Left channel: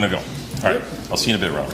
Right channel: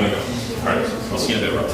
going to go. All right. I'll see you in a bit, Rob.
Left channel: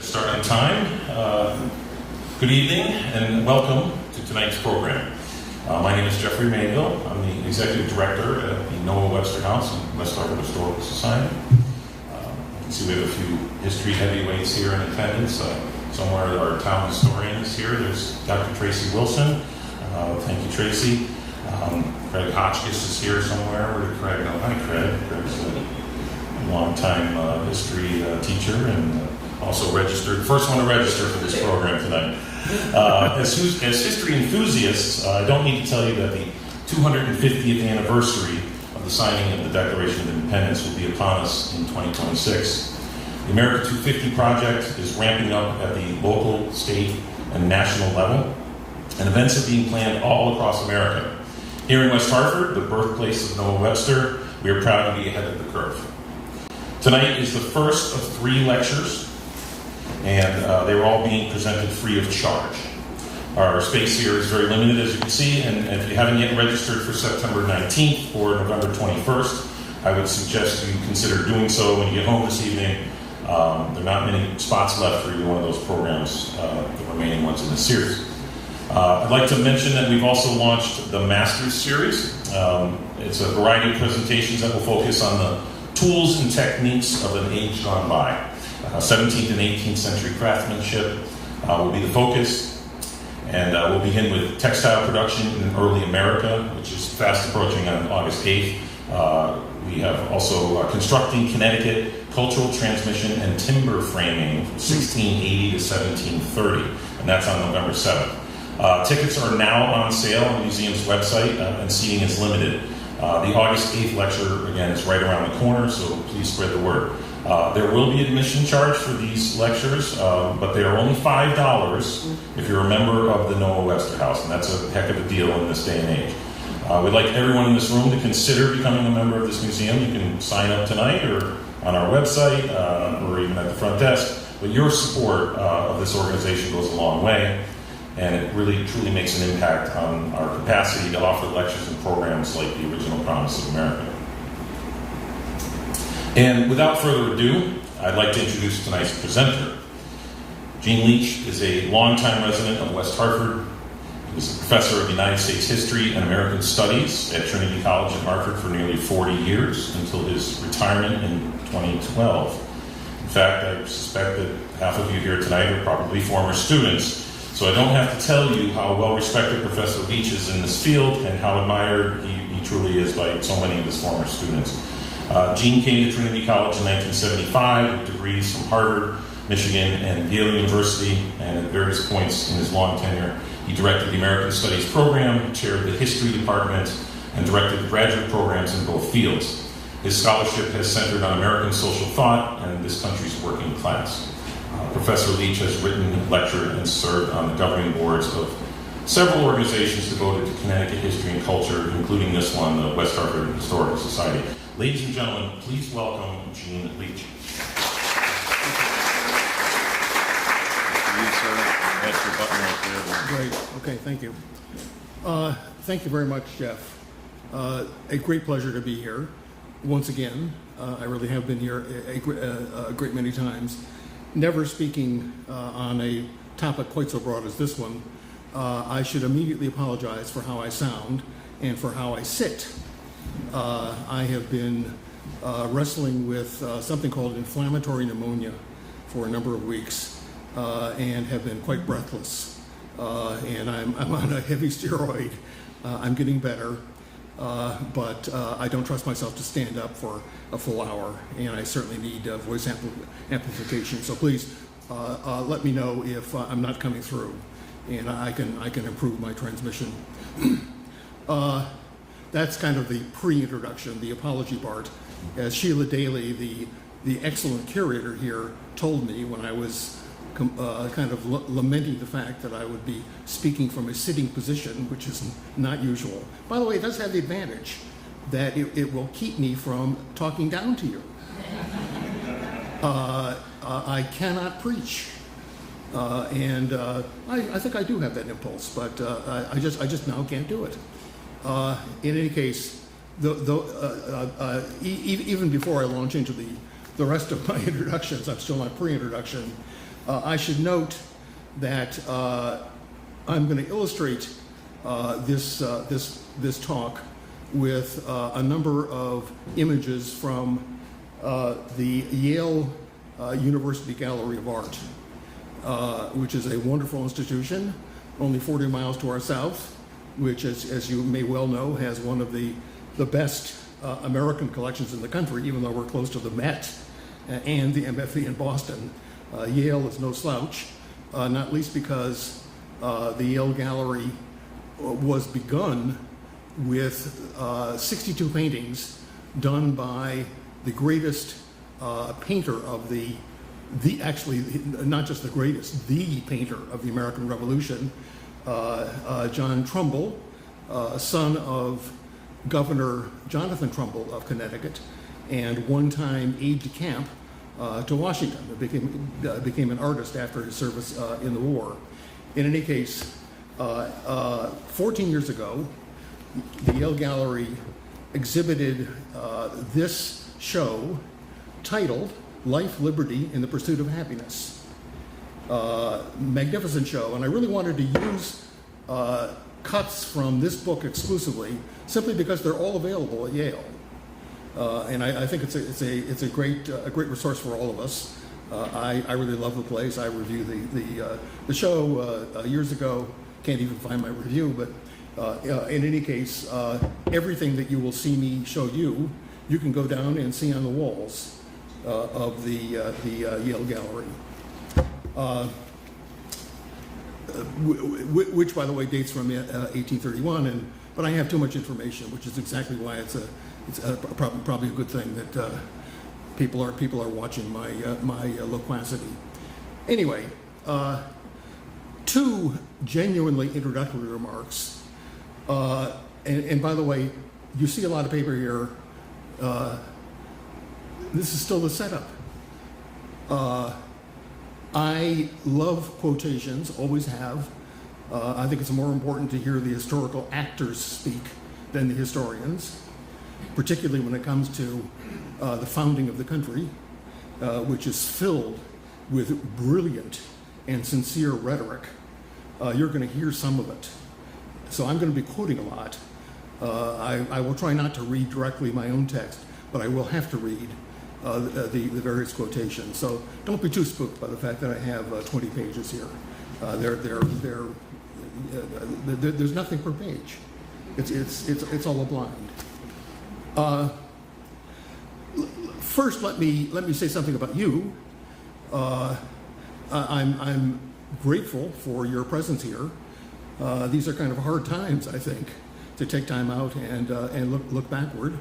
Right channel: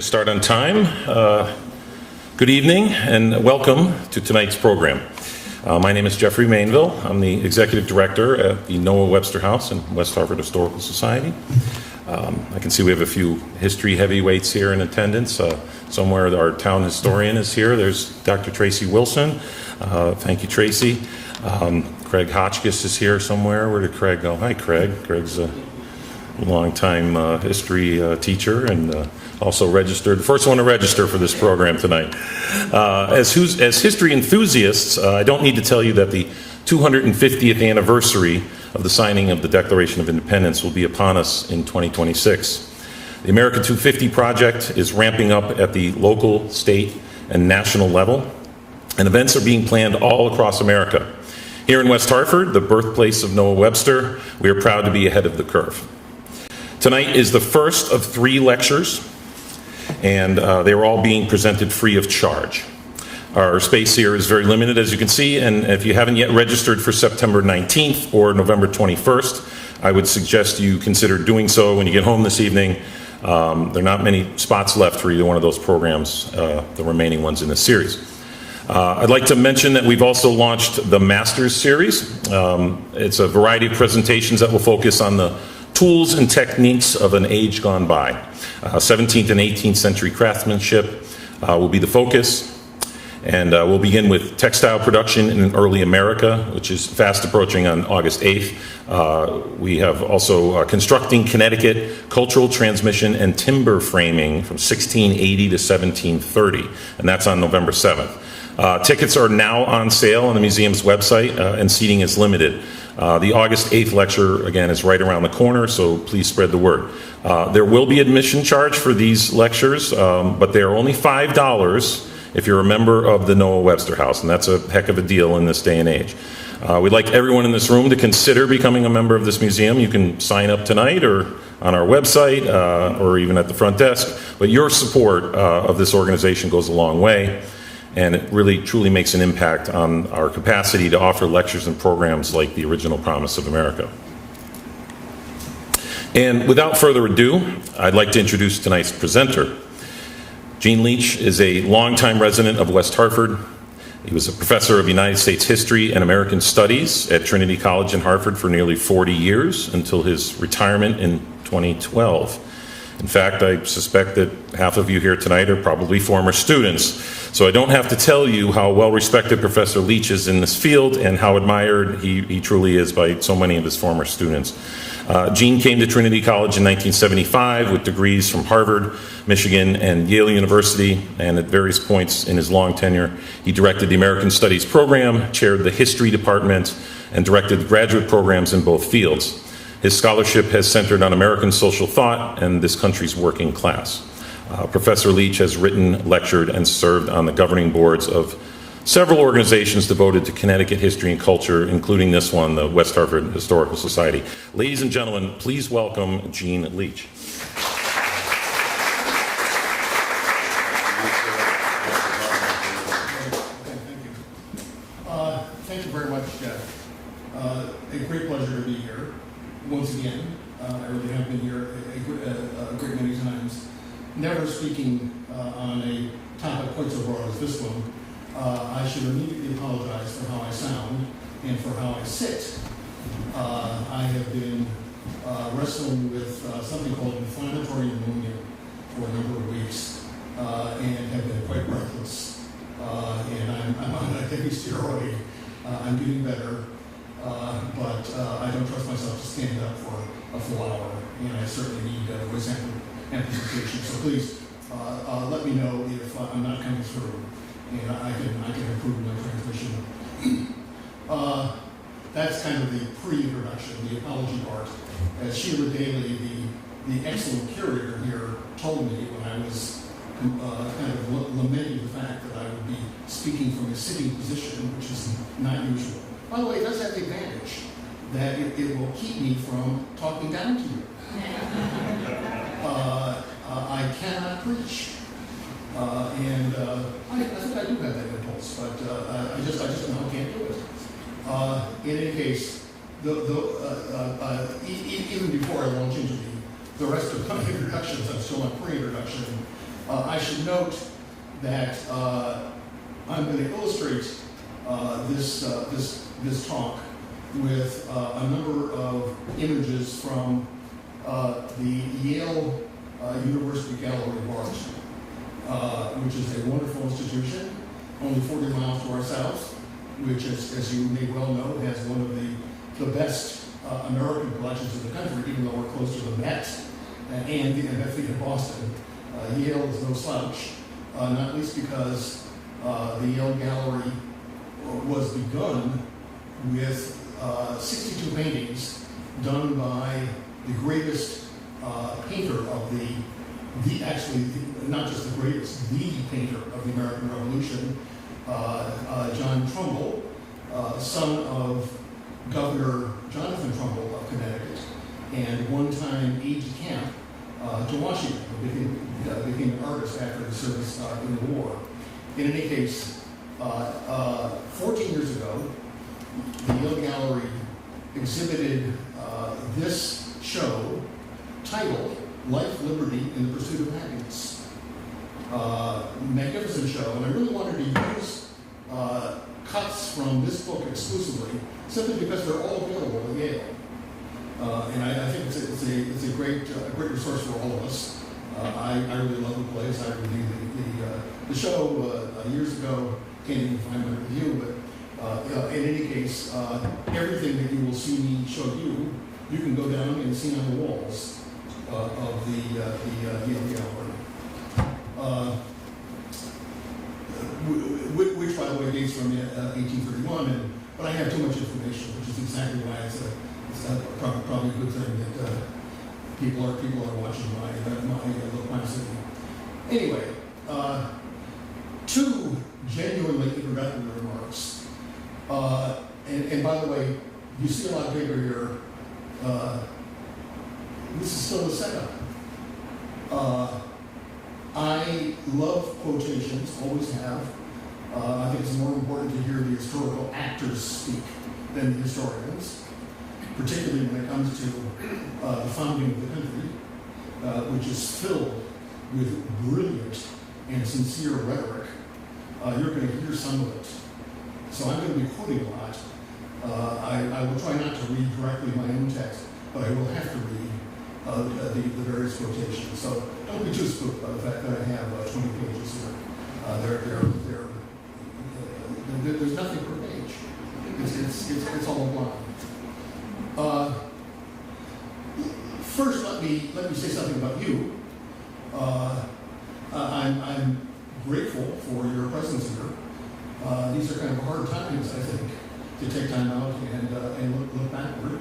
Start on time. Good evening and welcome to tonight's program. My name is Jeffrey Mainville. I'm the Executive Director at the Noah Webster House in West Hartford Historical Society. I can see we have a few history heavyweights here in attendance. Somewhere our town historian is here. There's Dr. Tracy Wilson. Thank you, Tracy. Craig Hotchkiss is here somewhere. Where did Craig go? Hi, Craig. Craig's a longtime history teacher and also registered, first one to register for this program tonight. As history enthusiasts, I don't need to tell you that the 250th anniversary of the signing of the Declaration of Independence will be upon us in 2026. The America 250 project is ramping up at the local, state, and national level, and events are being planned all across America. Here in West Hartford, the birthplace of Noah Webster, we are proud to be ahead of the curve. Tonight is the first of 3 lectures, and they are all being presented free of charge. Our space here is very limited, as you can see, and if you haven't yet registered for September 19th or November 21st, I would suggest you consider doing so when you get home this evening. There are not many spots left for either one of those programs, the remaining ones in this series. I'd like to mention that we've also launched the Masters Series. It's a variety of presentations that will focus on the tools and techniques of an age gone by. 17th and 18th century craftsmanship will be the focus. And we'll begin with textile production in early America, which is fast approaching on August 8th. We have also constructing Connecticut, cultural transmission and timber framing from 1680 to 1730, and that's on November 7th. Tickets are now on sale on the museum's website, and seating is limited. The August 8th lecture, again, is right around the corner, so please spread the word. There will be admission charge for these lectures, but they are only $5 if you're a member of the Noah Webster House, and that's a heck of a deal in this day and age. We'd like everyone in this room to consider becoming a member of this museum. You can sign up tonight or on our website or even at the front desk, but your support of this organization goes a long way, and it really truly makes an impact on our capacity to offer lectures and programs like the Original Promise of America. And without further ado, I'd like to introduce tonight's presenter. Gene Leach is a longtime resident of West Hartford. He was a professor of United States history and American studies at Trinity College in Hartford for nearly 40 years until his retirement in 2012. In fact, I suspect that half of you here tonight are probably former students. So I don't have to tell you how well-respected Professor Leach is in this field and how admired he truly is by so many of his former students. Gene came to Trinity College in 1975 with degrees from Harvard, Michigan, and Yale University, and at various points in his long tenure, he directed the American Studies program, chaired the history department, and directed graduate programs in both fields. His scholarship has centered on American social thought and this country's working class. Professor Leach has written, lectured, and served on the governing boards of several organizations devoted to Connecticut history and culture, including this one, the West Hartford Historical Society. Ladies and gentlemen, please welcome Gene Leach. Okay, thank you. Thank you very much, Jeff. A great pleasure to be here once again. I really have been here a great many times. Never speaking on a topic quite so broad as this one. I should immediately apologize for how I sound and for how I sit. I have been wrestling with something called inflammatory pneumonia for a number of weeks and have been quite breathless. And I'm on a heavy steroid. I'm getting better, but I don't trust myself to stand up for a full hour, and I certainly need voice amplification. So please let me know if I'm not coming through, and I can improve my transmission. That's kind of the pre-introduction, the apology part. As Sheila Daly, the excellent curator here, told me when I was kind of lamenting the fact that I would be speaking from a sitting position, which is not usual. By the way, it does have the advantage that it will keep me from talking down to you. I cannot preach, and I think I do have that impulse, but I just now can't do it. In any case, even before I launch into the rest of my introductions, I'm still on pre-introduction. I should note that I'm going to illustrate this talk with a number of images from the Yale University Gallery of Art, which is a wonderful institution, only 40 miles to our south, which, as you may well know, has one of the best American collections in the country, even though we're close to the Met and the MFE in Boston. Yale is no slouch, not least because the Yale Gallery was begun with 62 paintings done by the greatest painter of actually not just the greatest, the painter of the American Revolution, John Trumbull, son of Governor Jonathan Trumbull of Connecticut, and one-time aide-de-camp to Washington, who became an artist after his service in the war. In any case, 14 years ago, the Yale Gallery exhibited this show titled Life, Liberty, and the Pursuit of Happiness. Magnificent show, and I really wanted to use cuts from this book exclusively, simply because they're all available at Yale. And I think it's a great resource for all of us. I really love the place. I reviewed the show years ago. Can't even find my review, but in any case, everything that you will see me show you, you can go down and see on the walls of the Yale Gallery. which by the way dates from 1831. But I have too much information, which is exactly why it's probably a good thing that people are watching my loquacity. Anyway, two genuinely introductory remarks. And by the way, you see a lot of paper here. This is still the setup. I love quotations, always have. I think it's more important to hear the historical actors speak than the historians, particularly when it comes to the founding of the country, which is filled with brilliant and sincere rhetoric. You're going to hear some of it. So I'm going to be quoting a lot. I will try not to read directly my own text, but I will have to read the various quotations. So don't be too spooked by the fact that I have 20 pages here. There's nothing per page. It's all a blind. First, let me say something about you. I'm grateful for your presence here. These are kind of hard times, I think, to take time out and look backward.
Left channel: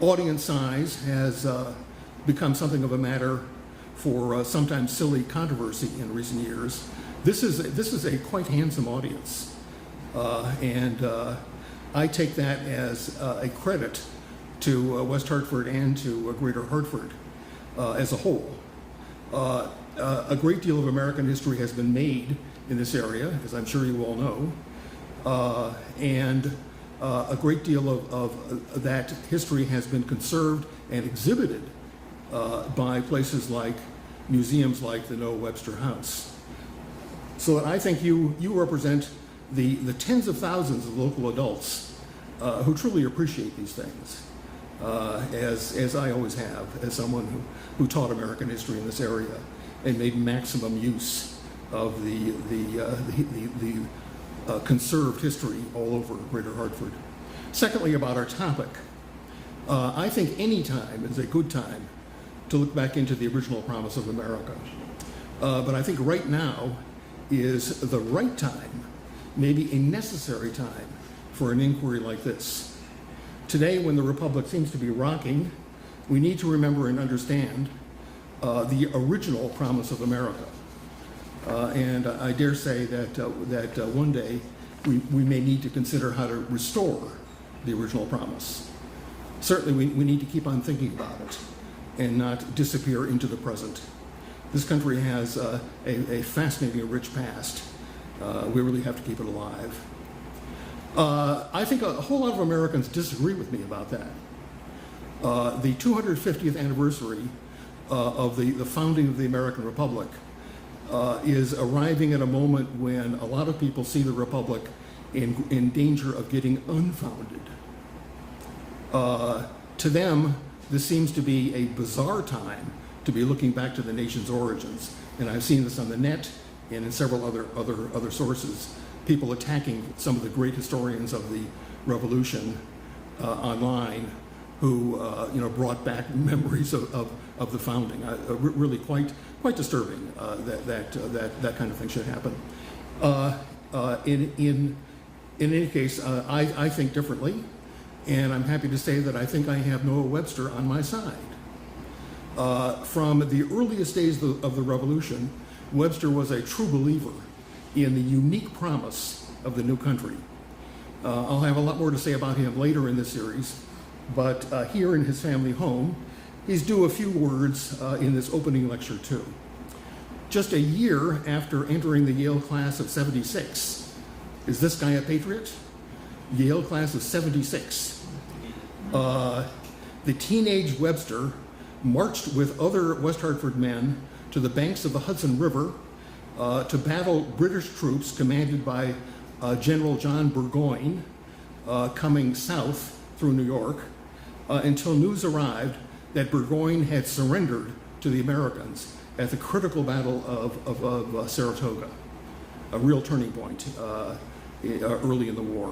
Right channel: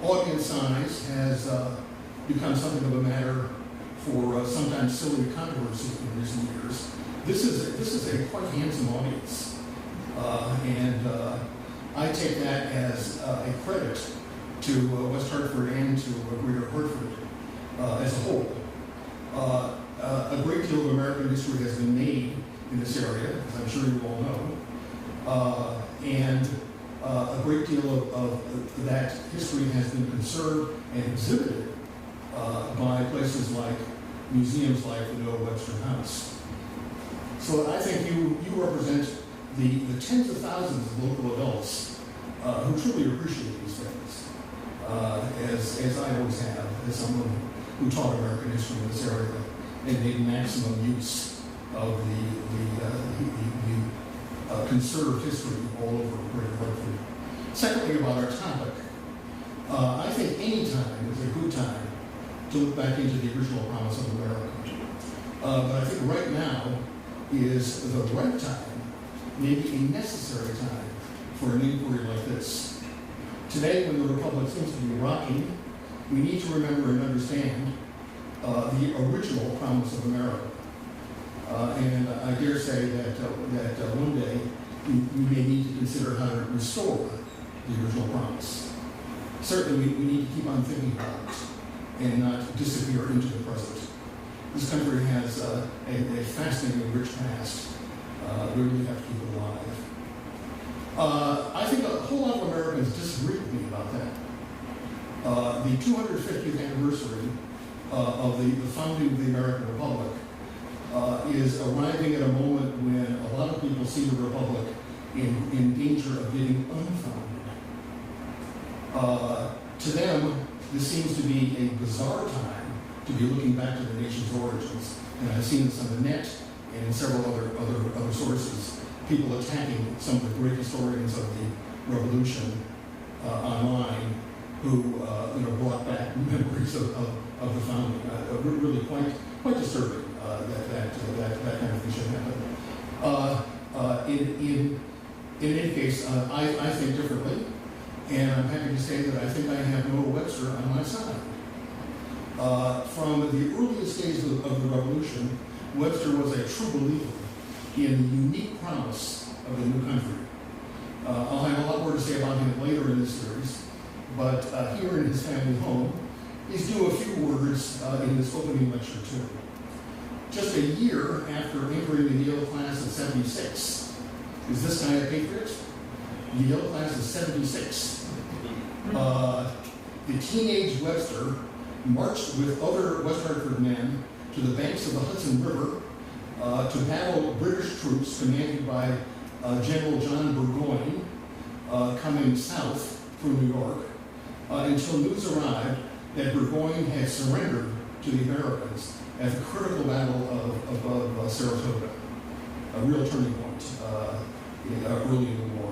Audience size has become something of a matter for sometimes silly controversy in recent years. This is a quite handsome audience, and I take that as a credit to West Hartford and to Greater Hartford as a whole. A great deal of American history has been made in this area, as I'm sure you all know, and a great deal of that history has been conserved and exhibited by places like museums like the Noah Webster House. So I think you represent the tens of thousands of local adults who truly appreciate these things, as I always have, as someone who taught American history in this area and made maximum use of the conserved history all over Greater Hartford. Secondly, about our topic, I think any time is a good time to look back into the original promise of America. But I think right now is the right time, maybe a necessary time, for an inquiry like this. Today, when the Republic seems to be rocking, we need to remember and understand the original promise of America. And I dare say that one day we may need to consider how to restore the original promise. Certainly, we need to keep on thinking about it and not disappear into the present. This country has a fascinating, rich past. We really have to keep it alive. I think a whole lot of Americans disagree with me about that. The 250th anniversary of the founding of the American Republic is arriving at a moment when a lot of people see the Republic in danger of getting unfounded. To them, this seems to be a bizarre time to be looking back to the nation's origins. And I've seen this on the net and in several other sources, people attacking some of the great historians of the Revolution online who brought back memories of the founding. Really quite disturbing that kind of thing should happen. In any case, I think differently, and I'm happy to say that I think I have Noah Webster on my side. From the earliest days of the Revolution, Webster was a true believer in the unique promise of the new country. I'll have a lot more to say about him later in this series, but here in his family home, he's due a few words in this opening lecture too. Just a year after entering the Yale class of 76, is this guy a patriot? Yale class of 76. The teenage Webster marched with other West Hartford men to the banks of the Hudson River to battle British troops commanded by General John Burgoyne coming south through New York until news arrived that Burgoyne had surrendered to the Americans at the critical battle of Saratoga, a real turning point early in the war.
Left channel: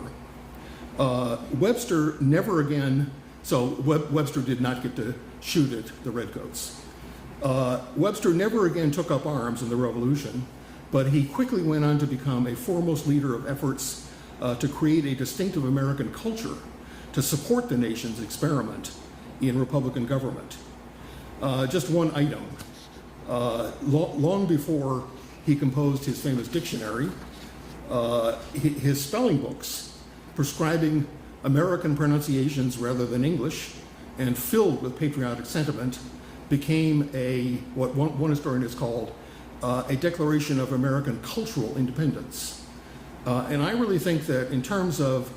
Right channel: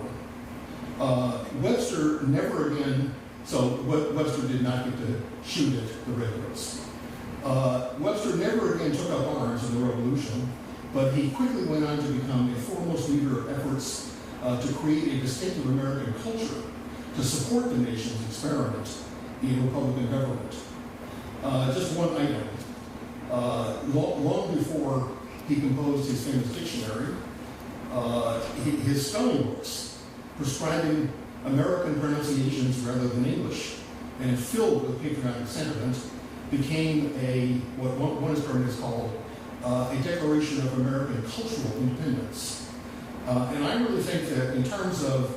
Webster never again, so Webster did not get to shoot at the Redcoats. Webster never again took up arms in the Revolution, but he quickly went on to become a foremost leader of efforts to create a distinctive American culture to support the nation's experiment in Republican government. Just one item. Long before he composed his famous dictionary, his spelling books prescribing American pronunciations rather than English and filled with patriotic sentiment became what one historian has called a declaration of American cultural independence. And I really think that in terms of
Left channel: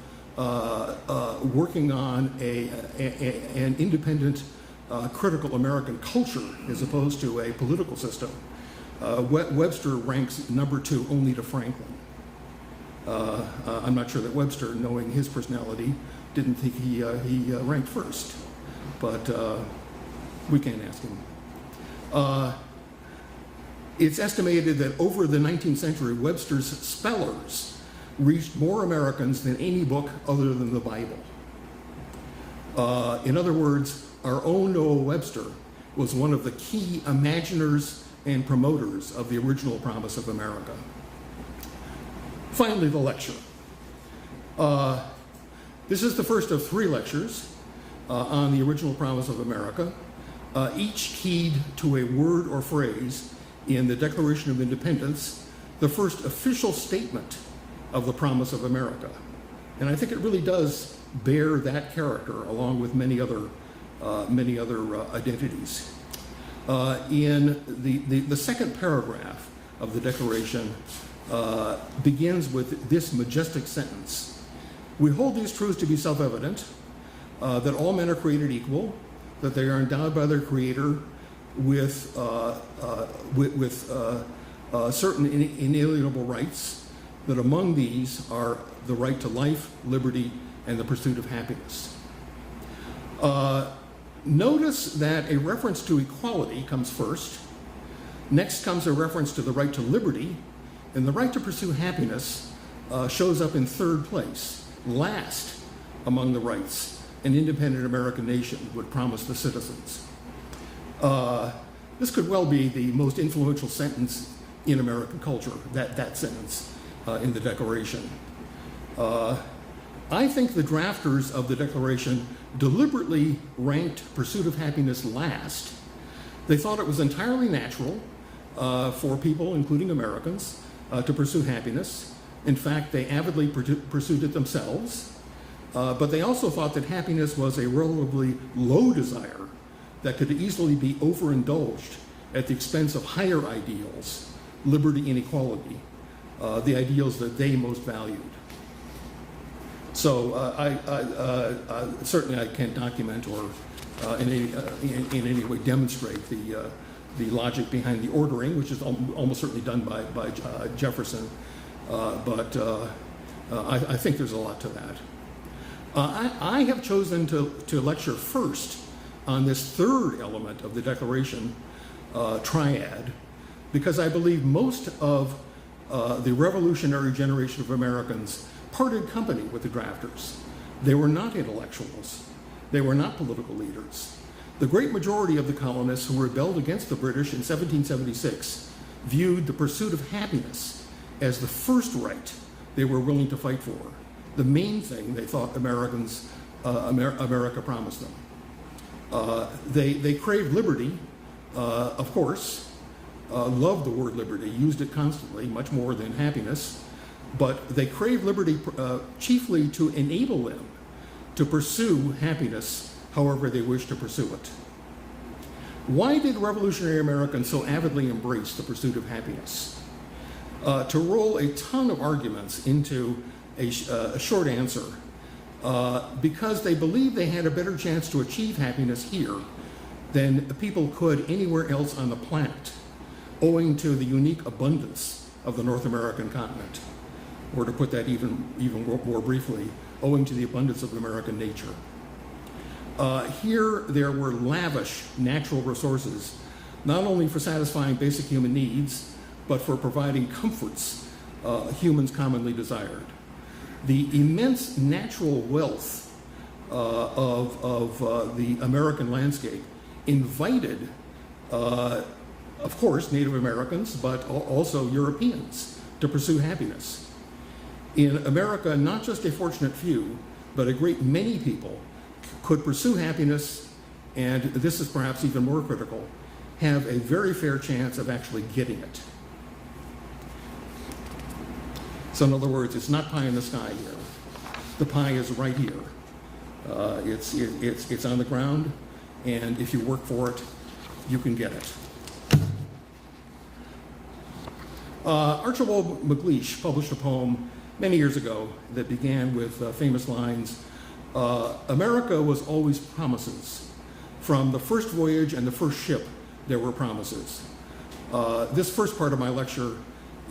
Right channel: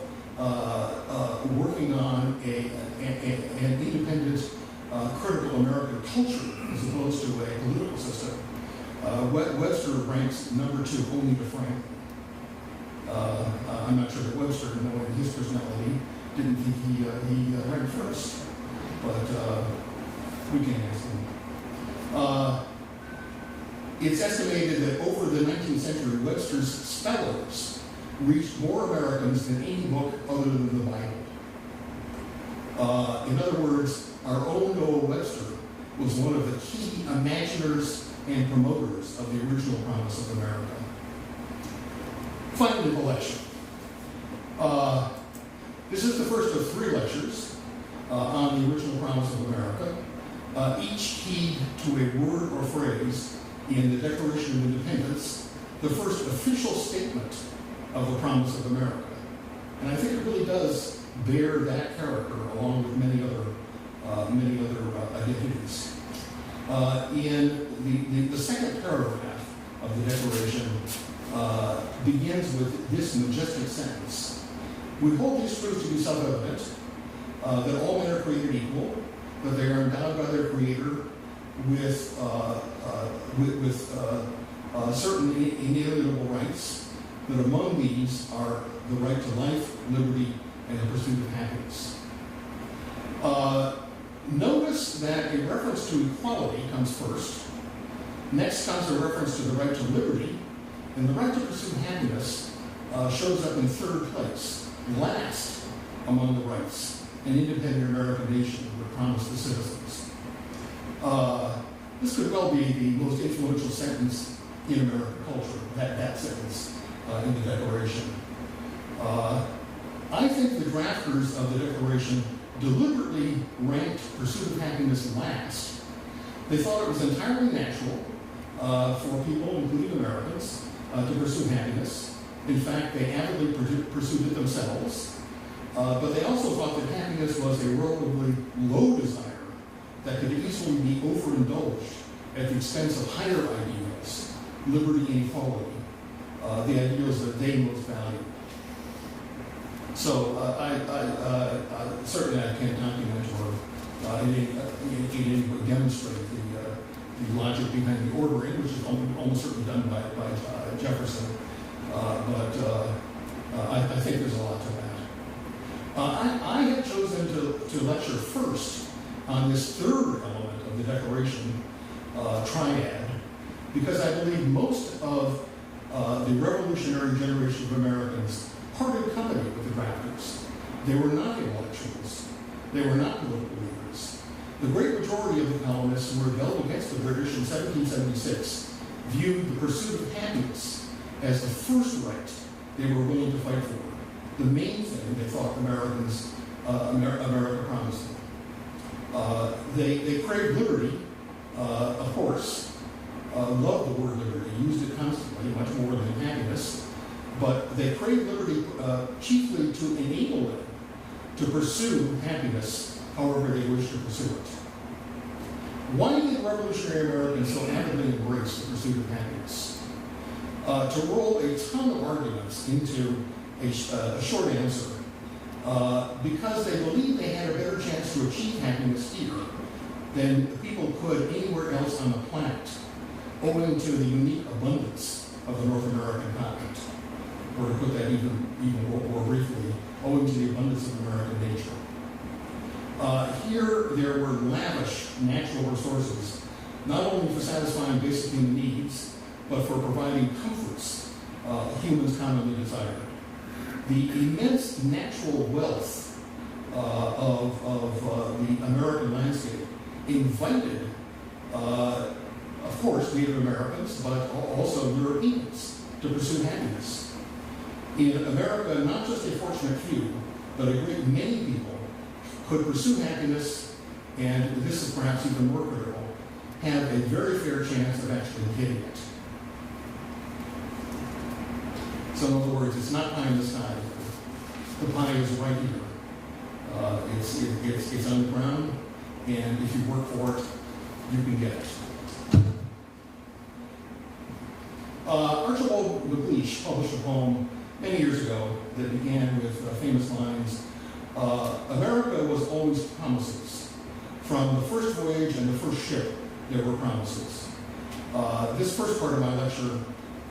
working on an independent, critical American culture as opposed to a political system, Webster ranks number 2 only to Franklin. I'm not sure that Webster, knowing his personality, didn't think he ranked first, but we can't ask him. It's estimated that over the 19th century, Webster's spellers reached more Americans than any book other than the Bible. In other words, our own Noah Webster was one of the key imaginers and promoters of the original promise of America. Finally, the lecture. This is the first of 3 lectures on the original promise of America, each keyed to a word or phrase in the Declaration of Independence, the first official statement of the promise of America. And I think it really does bear that character along with many other identities. In the second paragraph of the Declaration begins with this majestic sentence: "We hold these truths to be self-evident, that all men are created equal, that they are endowed by their Creator with certain inalienable rights, that among these are the right to life, liberty, and the pursuit of happiness." Notice that a reference to equality comes first. Next comes a reference to the right to liberty, and the right to pursue happiness shows up in third place. Last among the rights an independent American nation would promise the citizens. This could well be the most influential sentence in American culture, that sentence in the Declaration. I think the drafters of the Declaration deliberately ranked pursuit of happiness last. They thought it was entirely natural for people, including Americans, to pursue happiness. In fact, they avidly pursued it themselves. But they also thought that happiness was a relatively low desire that could easily be overindulged at the expense of higher ideals, liberty and equality, the ideals that they most valued. So certainly I can't document or in any way demonstrate the logic behind the ordering, which is almost certainly done by Jefferson, but I think there's a lot to that. I have chosen to lecture first on this third element of the Declaration triad, because I believe most of the revolutionary generation of Americans parted company with the drafters. They were not intellectuals. They were not political leaders. The great majority of the colonists who rebelled against the British in 1776 viewed the pursuit of happiness as the first right they were willing to fight for, the main thing they thought America promised them. They craved liberty, of course, loved the word liberty, used it constantly, much more than happiness, but they craved liberty chiefly to enable them to pursue happiness however they wished to pursue it. Why did revolutionary Americans so avidly embrace the pursuit of happiness? To roll a ton of arguments into a short answer, because they believed they had a better chance to achieve happiness here than people could anywhere else on the planet, owing to the unique abundance of the North American continent. Or to put that even more briefly, owing to the abundance of American nature. Here, there were lavish natural resources, not only for satisfying basic human needs, but for providing comforts humans commonly desired. The immense natural wealth of the American landscape invited of course, Native Americans, but also Europeans, to pursue happiness. In America, not just a fortunate few, but a great many people could pursue happiness, and this is perhaps even more critical, have a very fair chance of actually getting it. So in other words, it's not pie in the sky here. The pie is right here. It's on the ground, and if you work for it, you can get it. Archibald MacLeish published a poem many years ago that began with famous lines, America was always promises. From the first voyage and the first ship, there were promises. This first part of my lecture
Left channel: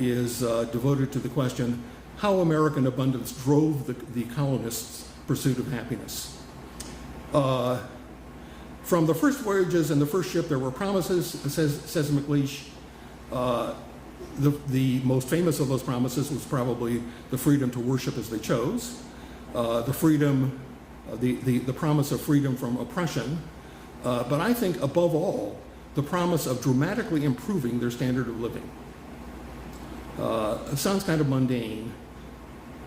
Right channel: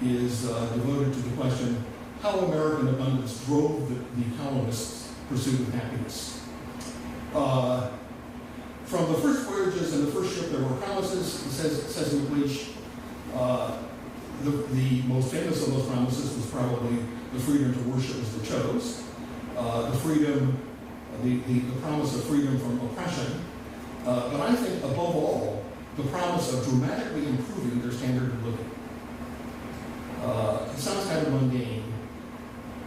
is devoted to the question, how American abundance drove the colonists' pursuit of happiness. From the first voyages and the first ship, there were promises, says MacLeish. The most famous of those promises was probably the freedom to worship as they chose, the promise of freedom from oppression, but I think above all, the promise of dramatically improving their standard of living. It sounds kind of mundane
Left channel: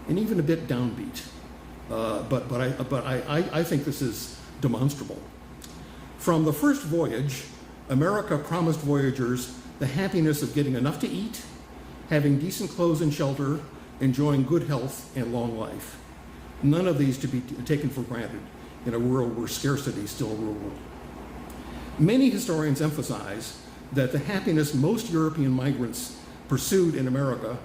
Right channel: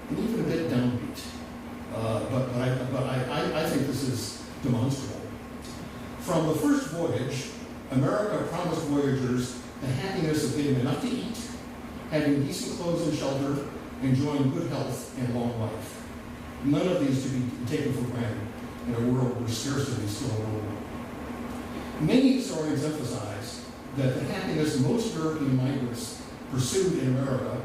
and even a bit downbeat, but I think this is demonstrable. From the first voyage, America promised voyagers the happiness of getting enough to eat, having decent clothes and shelter, enjoying good health and long life. None of these to be taken for granted in a world where scarcity still ruled. Many historians emphasize that the happiness most European migrants pursued in America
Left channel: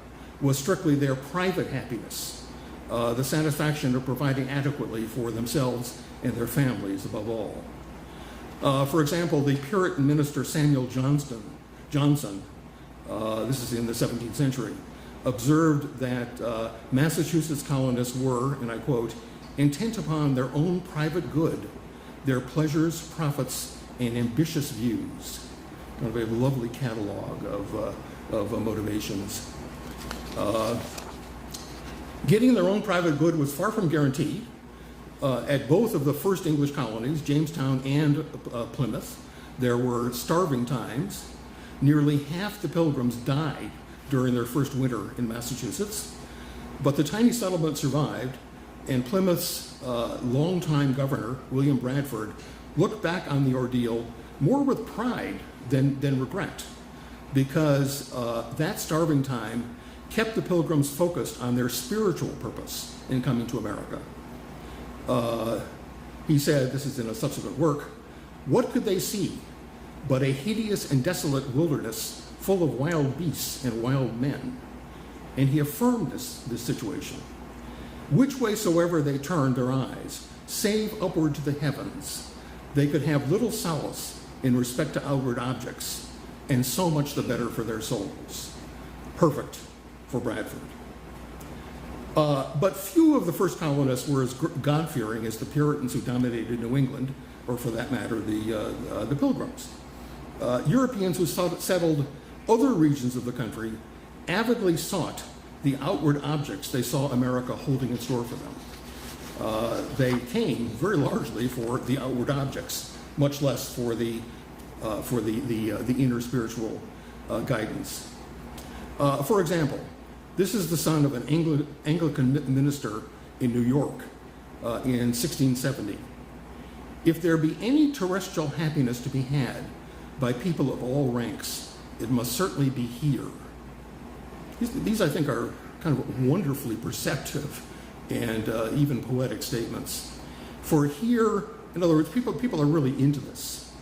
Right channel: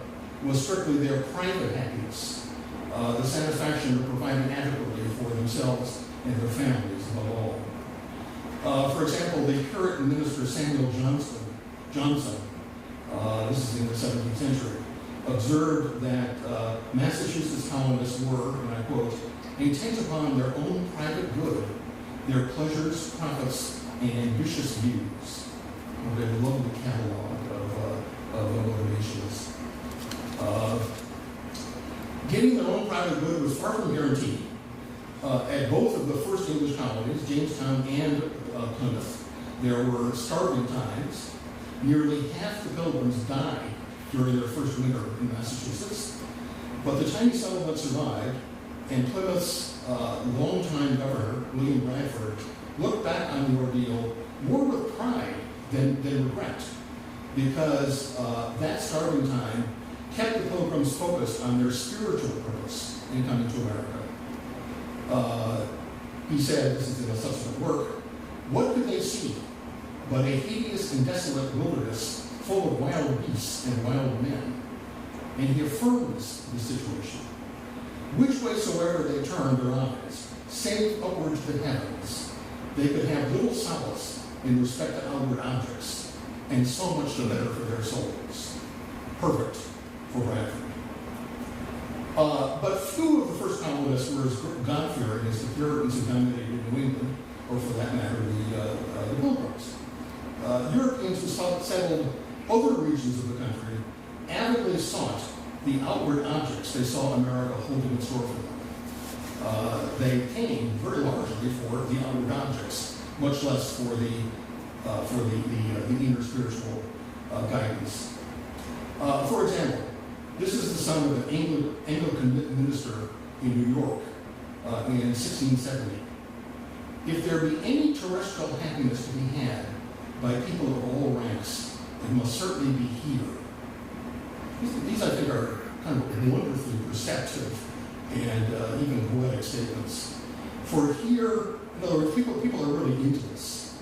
was strictly their private happiness, the satisfaction of providing adequately for themselves and their families above all. For example, the Puritan minister Samuel Johnson, this is in the 17th century, observed that Massachusetts colonists were, and I quote, intent upon their own private good, their pleasures, profits, and ambitious views. A very lovely catalog of motivations. Getting their own private good was far from guaranteed. At both of the first English colonies, Jamestown and Plymouth, there were starving times. Nearly half the Pilgrims died during their first winter in Massachusetts, but the tiny settlement survived, and Plymouth's longtime governor, William Bradford, looked back on the ordeal more with pride than regret, because that starving time kept the Pilgrims focused on their spiritual purpose in coming to America. He said, this is in a subsequent work, what could they see but a hideous and desolate wilderness full of wild beasts and wild men? And he affirmed this situation. Which way soever they turned their eyes, save upward to the heavens, they could have little solace in respect to outward objects, and so much the better for their souls. Perfect for Bradford. But few of the first colonists were as God-fearing as the Puritans who dominated New England, or for that matter, the Pilgrims. Europeans who settled other regions of the country avidly sought the outward objects they saw America holding in store for them. They came very largely for the outward objects, much less for the inner spiritual guidance. For example, this is the son of an Anglican minister in New York in 1670. If there be any terrestrial happiness to be had by people of all ranks, it must certainly be here. These I think, are kind of wonderfully perceptive and even poetic statements. For here, in other words, people are really into this.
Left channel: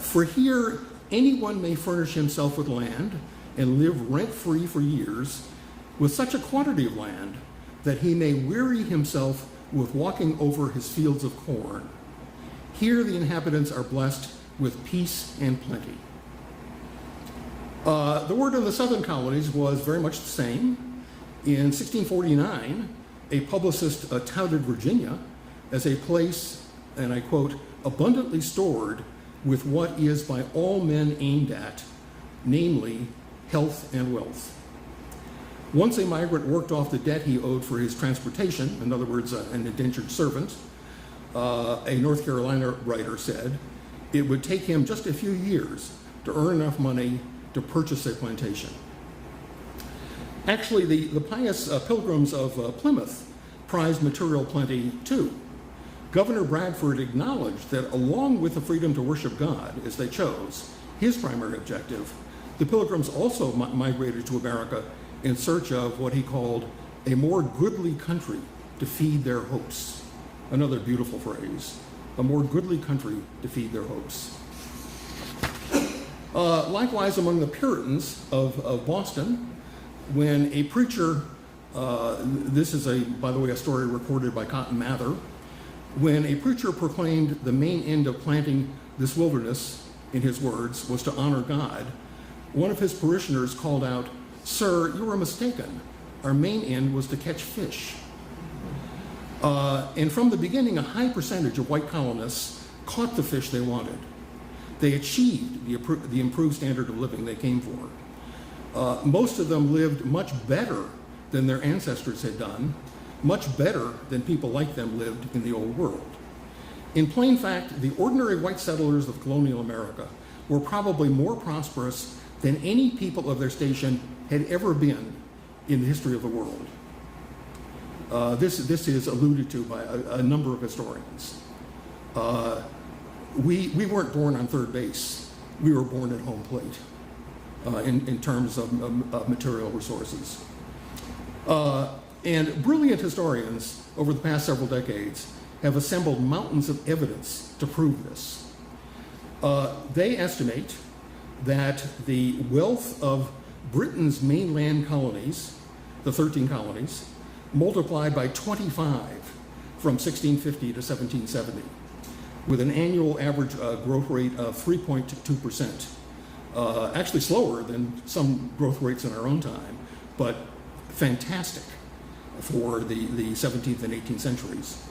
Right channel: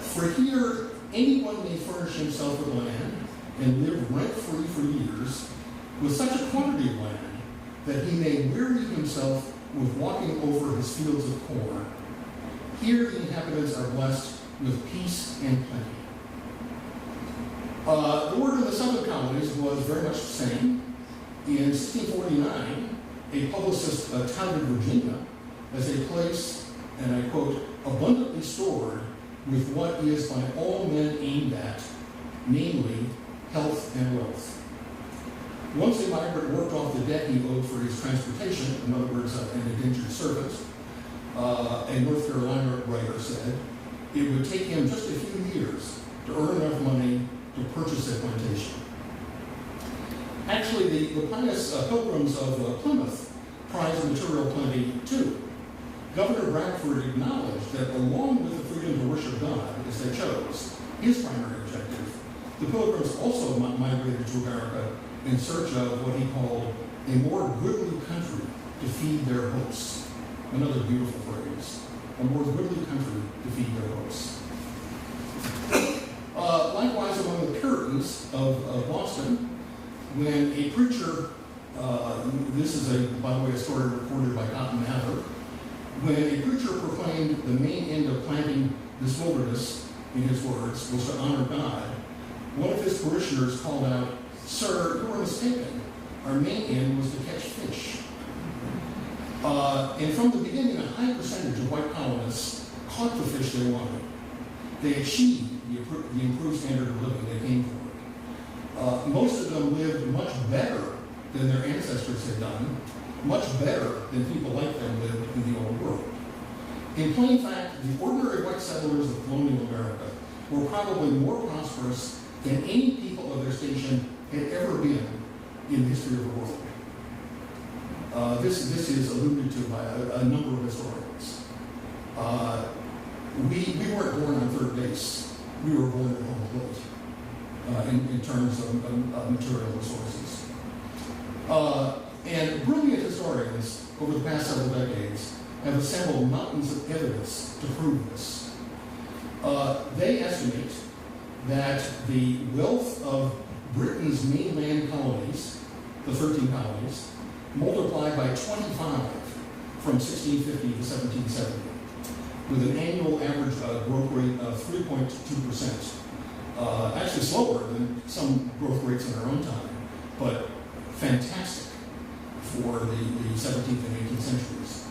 For here, anyone may furnish himself with land and live rent-free for years with such a quantity of land that he may weary himself with walking over his fields of corn. Here the inhabitants are blessed with peace and plenty. The word in the southern colonies was very much the same. In 1649, a publicist touted Virginia as a place, and I quote, abundantly stored with what is by all men aimed at, namely health and wealth. Once a migrant worked off the debt he owed for his transportation, in other words, an indentured servant, a North Carolina writer said, it would take him just a few years to earn enough money to purchase a plantation. Actually, the pious pilgrims of Plymouth prized material plenty too. Governor Bradford acknowledged that along with the freedom to worship God, as they chose, his primary objective, the pilgrims also migrated to America in search of what he called a more goodly country to feed their hopes. Another beautiful phrase, a more goodly country to feed their hopes. Likewise, among the Puritans of Boston, when a preacher, this is, by the way, a story recorded by Cotton Mather, when a preacher proclaimed the main end of planting this wilderness, in his words, was to honor God, one of his parishioners called out, "Sir, you are mistaken. Our main end was to catch fish." And from the beginning, a high percentage of white colonists caught the fish they wanted. They achieved the improved standard of living they came for. Most of them lived much better than their ancestors had done, much better than people like them lived in the old world. In plain fact, the ordinary white settlers of colonial America were probably more prosperous than any people of their station had ever been in the history of the world. This is alluded to by a number of historians. We weren't born on third base. We were born at home plate in terms of material resources. And brilliant historians over the past several decades have assembled mountains of evidence to prove this. They estimate that the wealth of Britain's mainland colonies, the 13 colonies, multiplied by 25 from 1650 to 1770, with an annual average growth rate of 3.2%. Actually slower than some growth rates in our own time, but fantastic for the 17th and 18th centuries.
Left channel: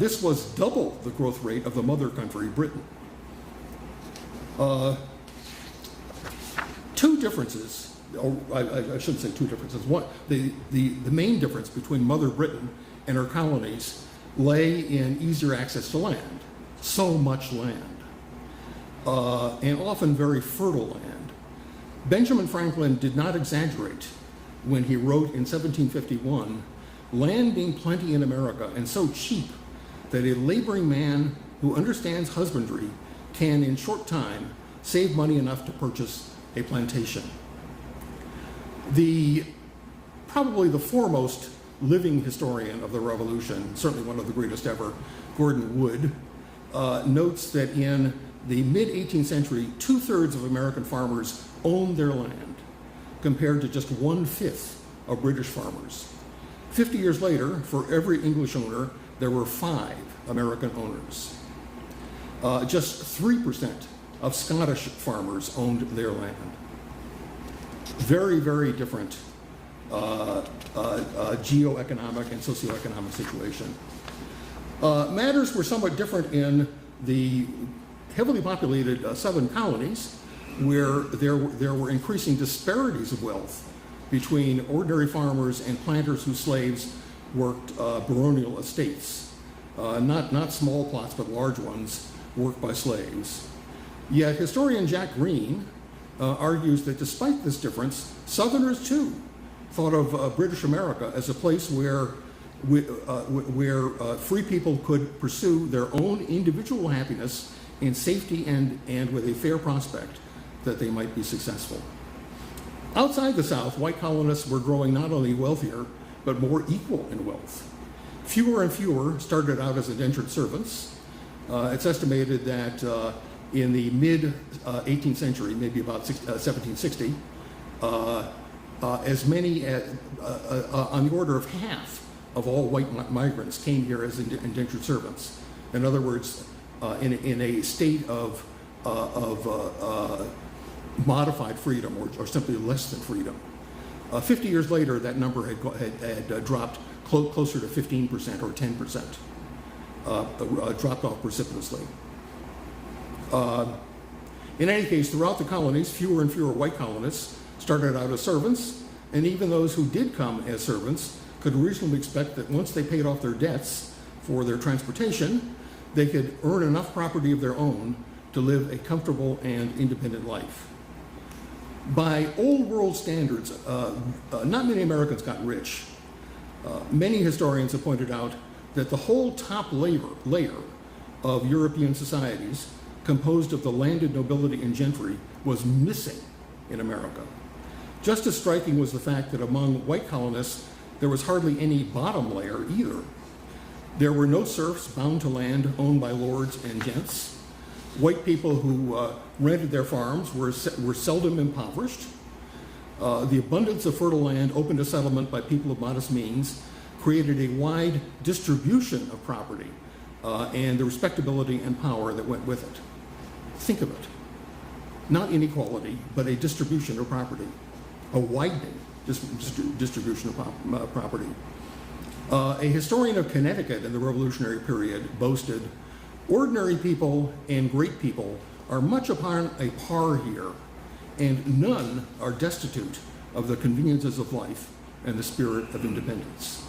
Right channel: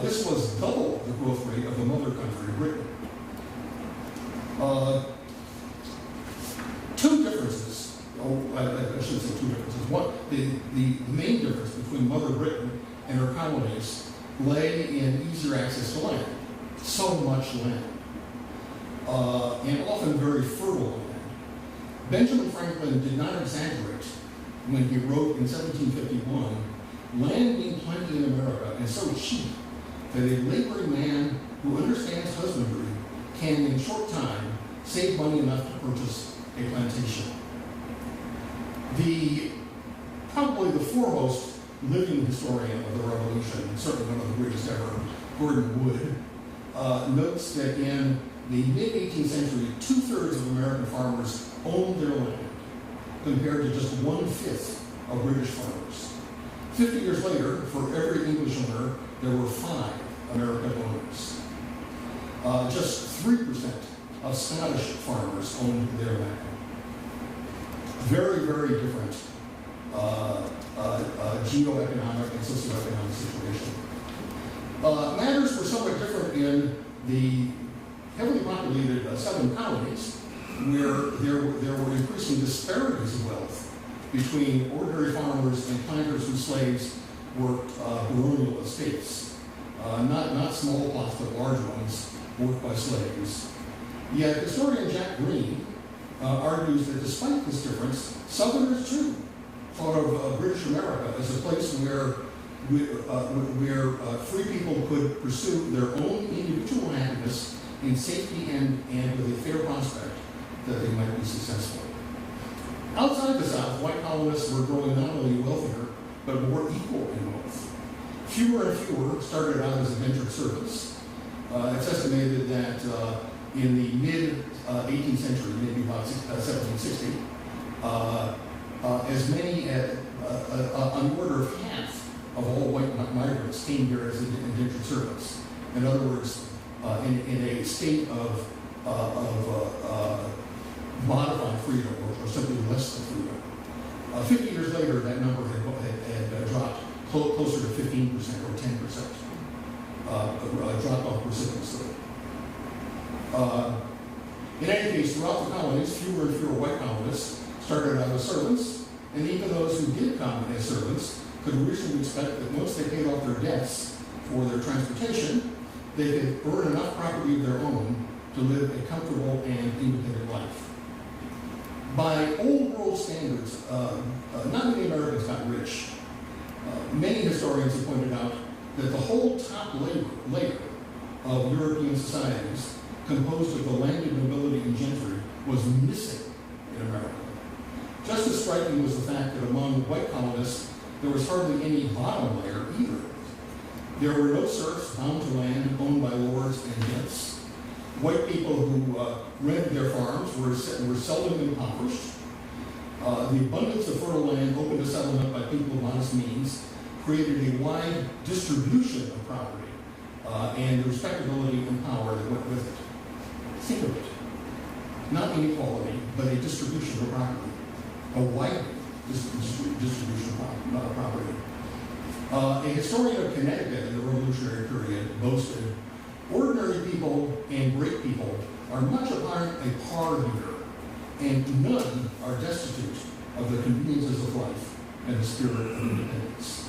This was double the growth rate of the mother country, Britain. Two differences, I shouldn't say two differences. One, the main difference between Mother Britain and her colonies lay in easier access to land. So much land, and often very fertile land. Benjamin Franklin did not exaggerate when he wrote in 1751, "Land being plenty in America and so cheap that a laboring man who understands husbandry can in short time save money enough to purchase a plantation." Probably the foremost living historian of the Revolution, certainly one of the greatest ever, Gordon Wood, notes that in the mid-18th century, 2/3 of American farmers owned their land, compared to just 1/5 of British farmers. 50 years later, for every English owner, there were 5 American owners. Just 3% of Scottish farmers owned their land. Very, very different geoeconomic and socioeconomic situation. Matters were somewhat different in the heavily populated southern colonies, where there were increasing disparities of wealth between ordinary farmers and planters whose slaves worked baronial estates. Not small plots, but large ones, worked by slaves. Yet historian Jack Green argues that despite this difference, Southerners too thought of British America as a place where free people could pursue their own individual happiness in safety and with a fair prospect that they might be successful. Outside the South, white colonists were growing not only wealthier, but more equal in wealth. Fewer and fewer started out as indentured servants. It's estimated that in the mid-18th century, maybe about 1760, as many on the order of half of all white migrants came here as indentured servants. In other words, in a state of modified freedom, or simply less than freedom. 50 years later, that number had dropped closer to 15% or 10%, dropped off precipitously. In any case, throughout the colonies, fewer and fewer white colonists started out as servants, and even those who did come as servants could reasonably expect that once they paid off their debts for their transportation, they could earn enough property of their own to live a comfortable and independent life. By old world standards, not many Americans got rich. Many historians have pointed out that the whole top layer of European societies, composed of the landed nobility and gentry, was missing in America. Just as striking was the fact that among white colonists, there was hardly any bottom layer either. There were no serfs bound to land owned by lords and gents. White people who rented their farms were seldom impoverished. The abundance of fertile land open to settlement by people of modest means created a wide distribution of property and the respectability and power that went with it. Think of it. Not inequality, but a distribution of property. A wide distribution of property. A historian of Connecticut in the Revolutionary period boasted, "Ordinary people and great people are much upon a par here, and none are destitute of the conveniences of life and the spirit of independence."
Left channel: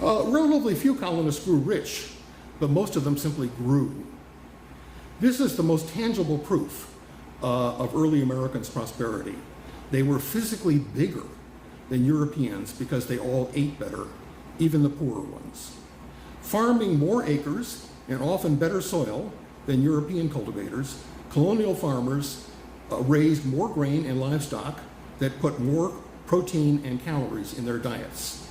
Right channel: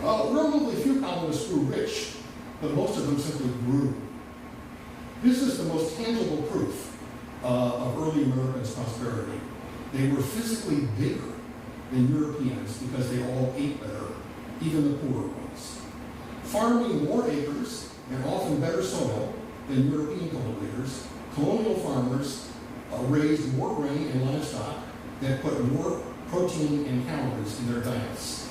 Relatively few colonists grew rich, but most of them simply grew. This is the most tangible proof of early Americans' prosperity. They were physically bigger than Europeans because they all ate better, even the poorer ones. Farming more acres and often better soil than European cultivators, colonial farmers raised more grain and livestock that put more protein and calories in their diets.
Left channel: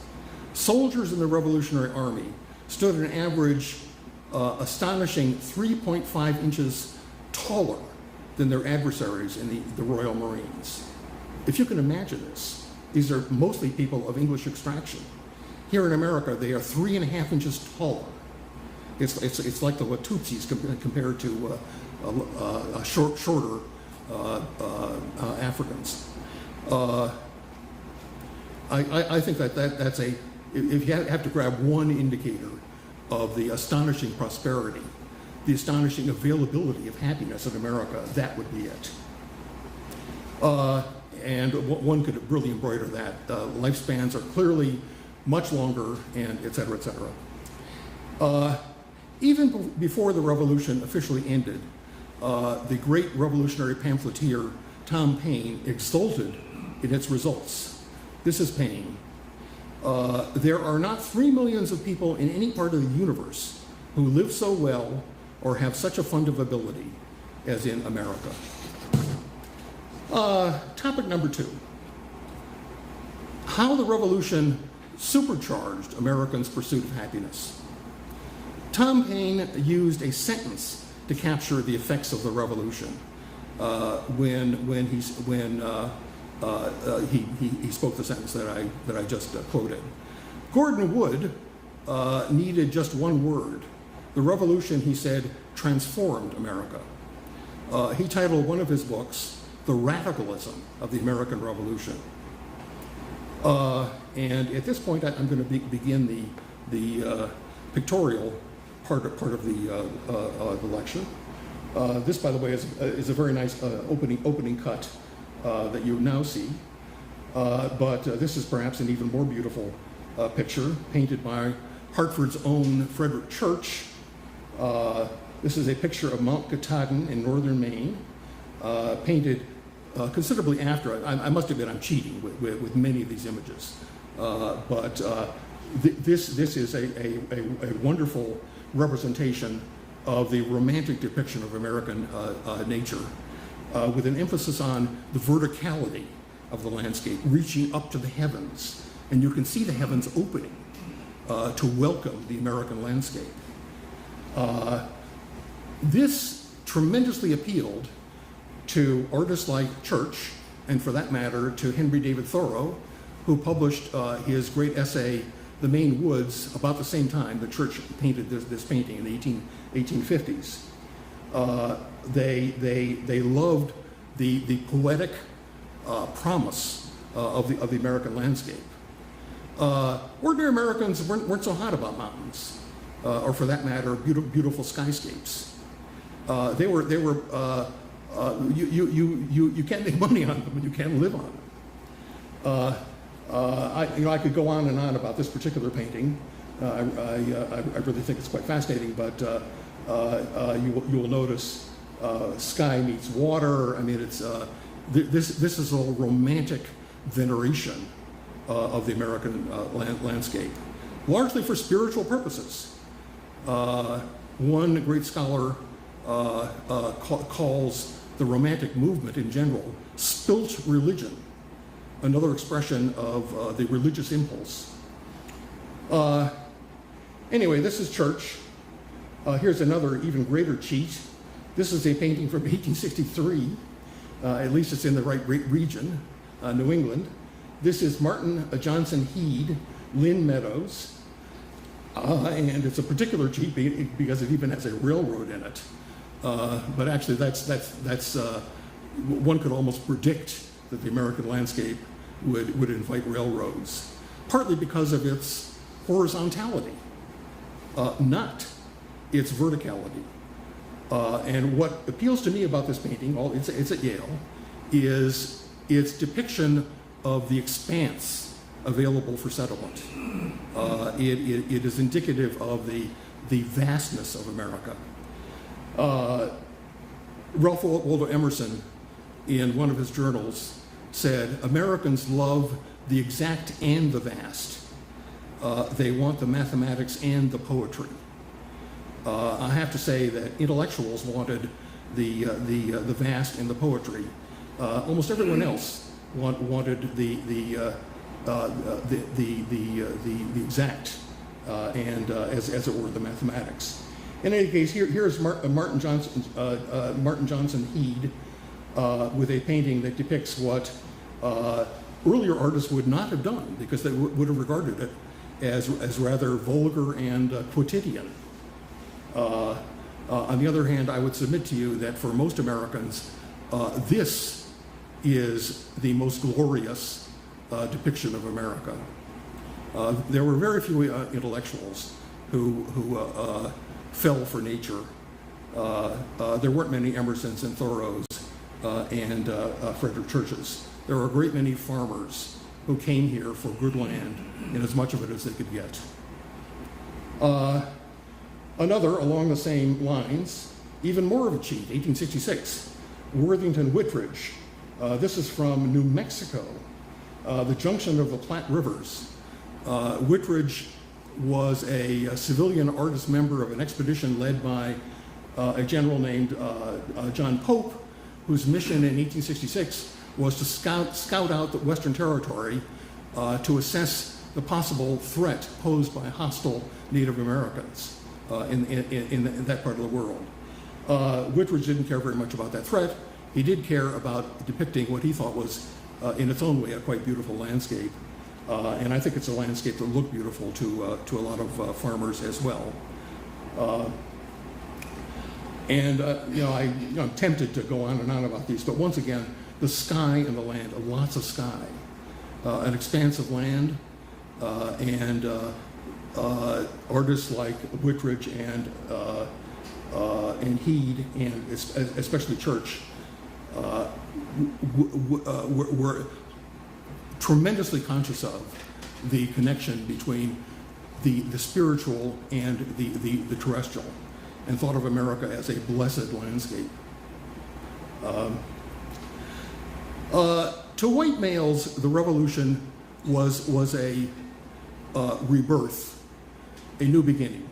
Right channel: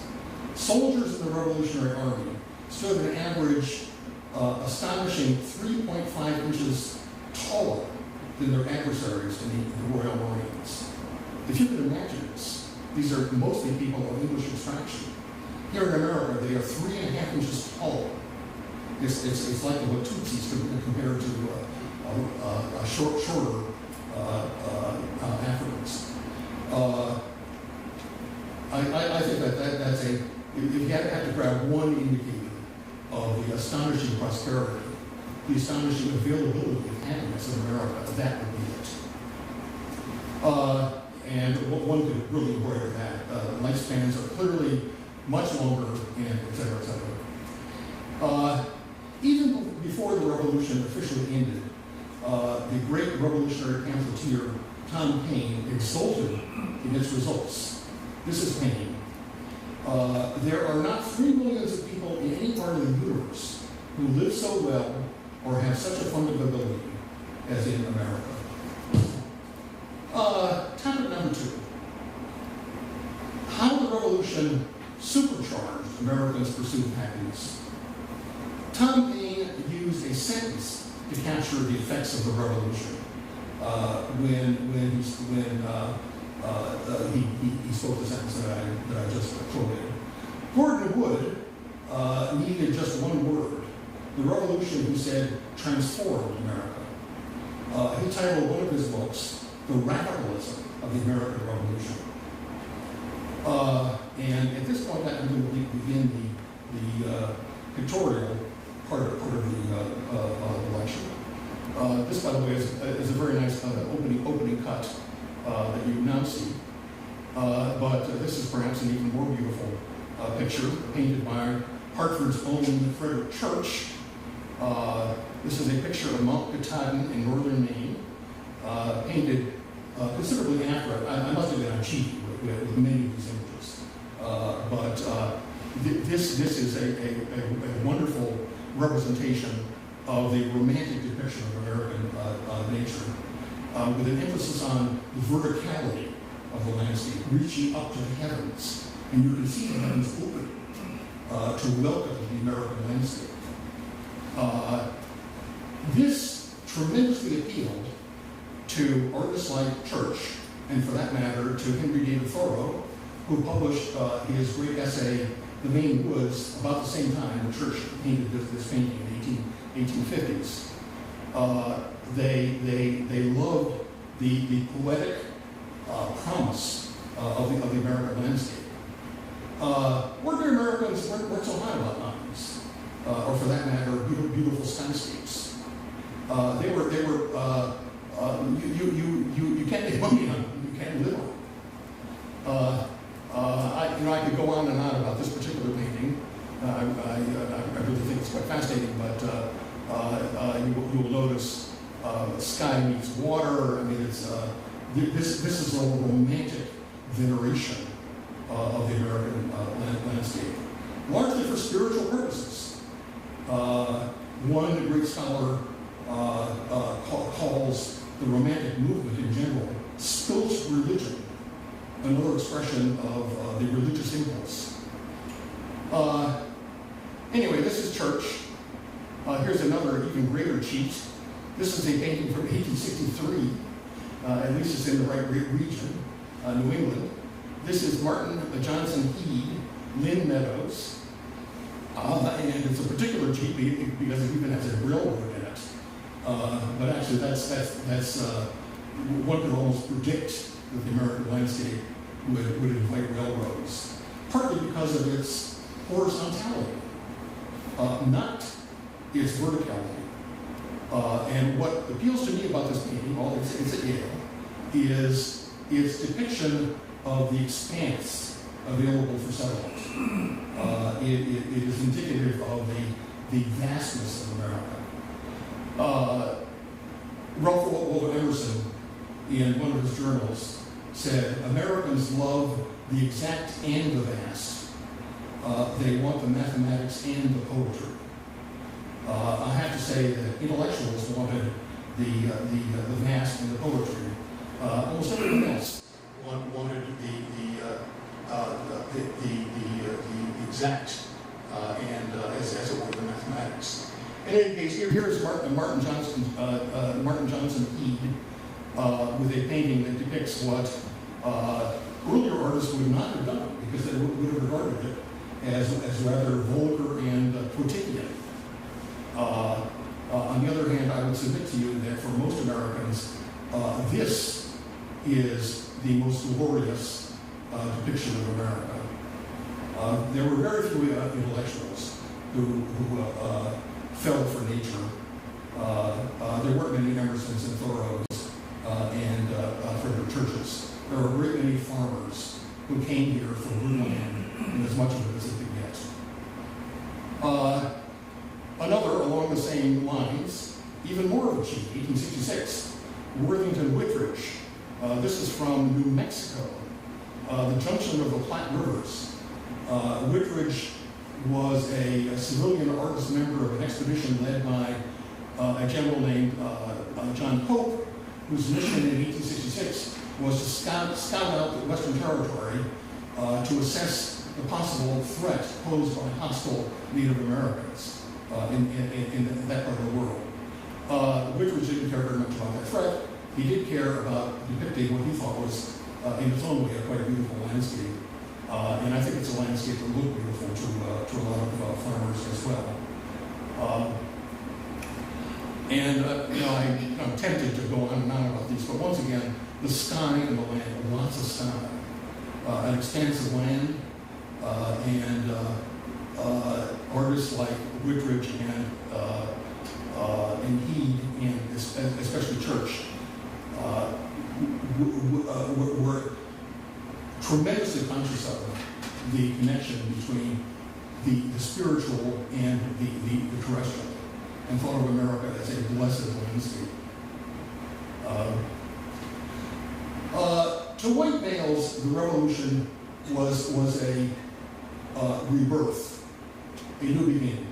Soldiers in the Revolutionary Army stood an average astonishing 3.5 inches taller than their adversaries in the Royal Marines. If you can imagine this, these are mostly people of English extraction. Here in America, they are 3.5 inches taller. It's like the Watutsis compared to shorter Africans. I think that's a, if you have to grab one indicator of the astonishing prosperity, the astonishing availability of happiness in America, that would be it. And one could really embroider that. Lifespans are clearly much longer, and et cetera, et cetera. Even before the revolution officially ended, the great revolutionary pamphleteer Tom Paine exulted in its results. This is Paine. There are not 3 millions of people in any part of the universe who live so well or have such a fund of ability as in America. Topic number 2. How the revolution supercharged Americans' pursuit of happiness. Tom Paine used a sentence to capture the effects of the revolution when he spoke the sentence that I just quoted. Gordon Wood needed just one word. The revolution, he said, transformed America. He titled one of his books, "The Radicalism of the American Revolution." And at this point, I'm going to begin the pictorial part of the lecture. This, by the way, is a very nice opening cut that you now see. But this is perhaps an even more beautiful picture painted by Hartford's own Frederick Church. This is a picture of Mount Katahdin in northern Maine, painted considerably after. I must have been on cheating with many of these images. But this is a wonderful representation of the romantic depiction of American nature, with an emphasis on the verticality of the landscape, reaching up to the heavens. And you can see the heavens opening to welcome the American landscape. This tremendously appealed to artists like Church, and for that matter, to Henry David Thoreau, who published his great essay, The Maine Woods, about the same time that Church painted this painting in the 1850s. They loved the poetic promise of the American landscape. Ordinary Americans weren't so hot about mountains, or for that matter, beautiful skyscapes. You can't make money on them, you can't live on them. I could go on and on about this particular painting. I really think it's quite fascinating, but You'll notice sky meets water. I mean, it's this is a romantic veneration of the American landscape, largely for spiritual purposes. One great scholar calls the Romantic movement in general spilt religion, another expression of the religious impulse. Anyway, this is church. Here's another even greater cheat. This is a painting from 1863. At least it's in the right region, New England. This is Martin Johnson Heed, Lynn Meadows. And it's a particular cheat because it even has a railroad in it. But actually, that's one could almost predict that the American landscape would invite railroads, partly because of its horizontality, not its verticality. And what appeals to me about this painting, it's at Yale, is its depiction of the expanse available for settlement. It is indicative of the vastness of America. Ralph Waldo Emerson, in one of his journals, said, "Americans love the exact and the vast. They want the mathematics and the poetry." I have to say that intellectuals wanted the vast and the poetry. Almost everyone else wanted the exact and as it were the mathematics. In any case, here's Martin Johnson Heed with a painting that depicts what earlier artists would not have done because they would have regarded it as rather vulgar and quotidian. On the other hand, I would submit to you that for most Americans, this is the most glorious depiction of America. There were very few intellectuals who fell for nature. There weren't many Emersons and Thoreaus and Frederick Churches. There were a great many farmers who came here for good land and as much of it as they could get. Another, along the same lines, even more of a cheat, 1866, Worthington Whitridge. This is from New Mexico, the junction of the Platte Rivers. Whitridge was a civilian artist member of an expedition led by a general named John Pope, whose mission in 1866 was to scout out the Western Territory to assess the possible threat posed by hostile Native Americans in that part of the world. Whitridge didn't care very much about that threat. He did care about depicting what he thought was, in its own way, a quite beautiful landscape. And I think it's a landscape that looked beautiful to a lot of farmers as well. I'm tempted to go on and on about these, but once again, the sky and the land, lots of sky, an expanse of land, and artists like Whitridge and Heed, and especially Church, were tremendously conscious of the connection between the spiritual and the terrestrial, and thought of America as a blessed landscape. To white males, the Revolution was a rebirth, a new beginning.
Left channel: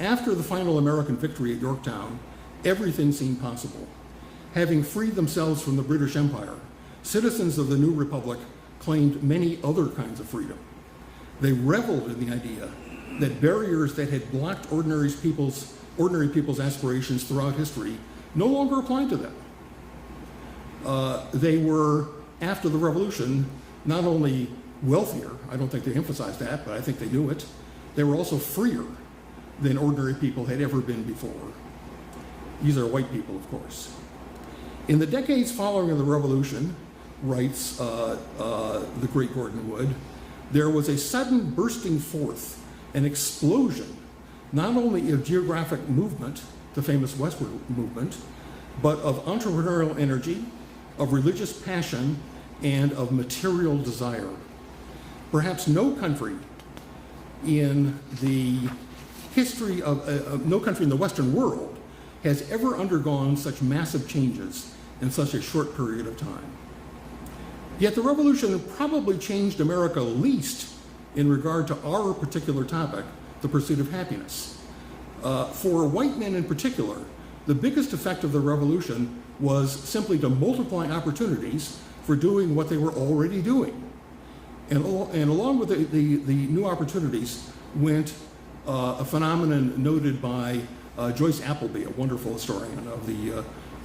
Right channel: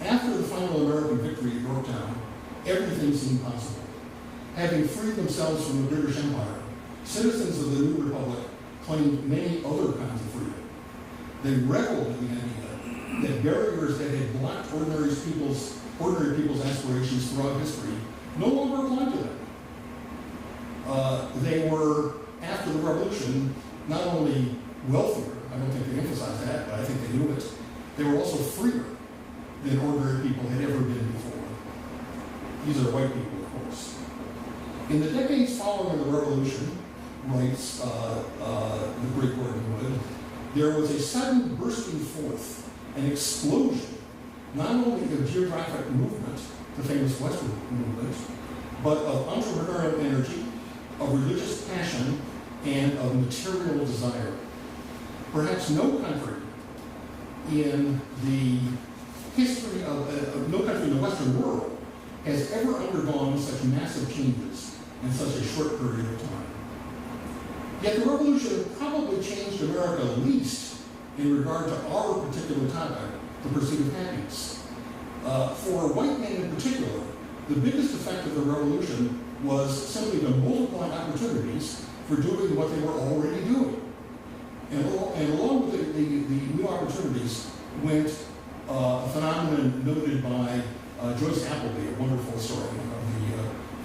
After the final American victory at Yorktown, everything seemed possible. Having freed themselves from the British Empire, citizens of the new republic claimed many other kinds of freedom. They reveled in the idea that barriers that had blocked ordinary people's aspirations throughout history no longer applied to them. They were, after the Revolution, not only wealthier, I don't think they emphasized that, but I think they knew it, they were also freer than ordinary people had ever been before. These are white people, of course. In the decades following the Revolution, writes the great Gordon Wood, there was a sudden bursting forth, an explosion, not only of geographic movement, the famous westward movement, but of entrepreneurial energy, of religious passion, and of material desire. Perhaps no country in the history of no country in the Western world has ever undergone such massive changes in such a short period of time. Yet the revolution probably changed America least in regard to our particular topic, the pursuit of happiness. For white men in particular, the biggest effect of the revolution was simply to multiply opportunities for doing what they were already doing. And along with the new opportunities went a phenomenon noted by Joyce Appleby, a wonderful historian of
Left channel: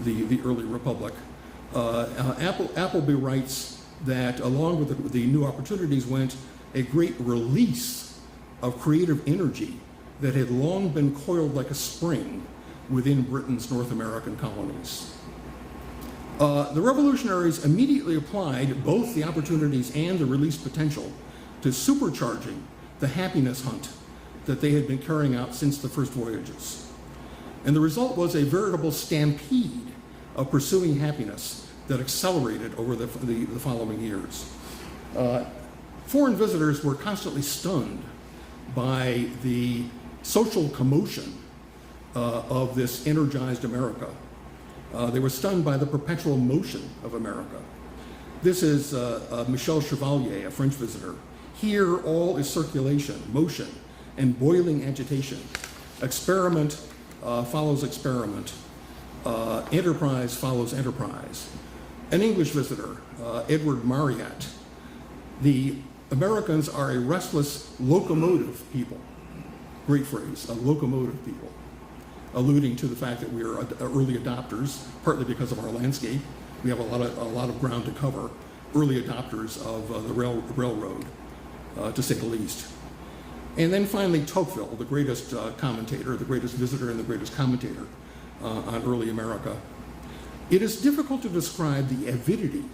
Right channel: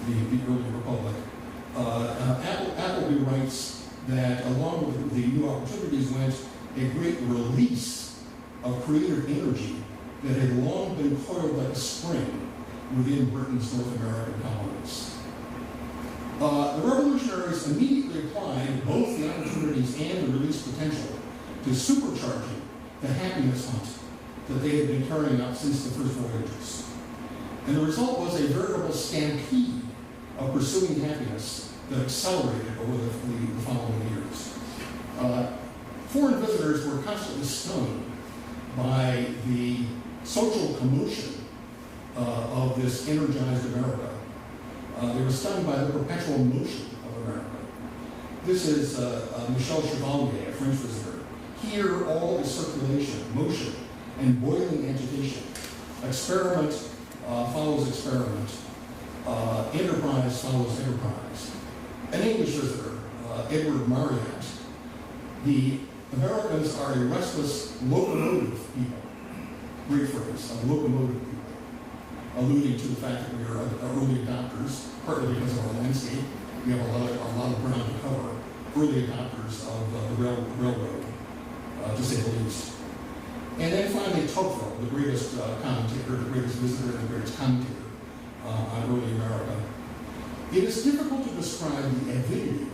the early republic. Appleby writes that along with the new opportunities went a great release of creative energy that had long been coiled like a spring within Britain's North American colonies. The revolutionaries immediately applied both the opportunities and the released potential to supercharging the happiness hunt that they had been carrying out since the first voyages. And the result was a veritable stampede of pursuing happiness that accelerated over the following years. Foreign visitors were constantly stunned by the social commotion of this energized America. They were stunned by the perpetual motion of America. This is Michel Chevalier, a French visitor. Here, all is circulation, motion, and boiling agitation. Experiment follows experiment. Enterprise follows enterprise. An English visitor, Edward Marriott. The Americans are a restless locomotive people. Great phrase, a locomotive people. Alluding to the fact that we are early adopters, partly because of our landscape. We have a lot of ground to cover. Early adopters of the railroad, to say the least. And then finally, Tocqueville, the greatest commentator, the greatest visitor, and the greatest commentator on early America. It is difficult to describe the avidity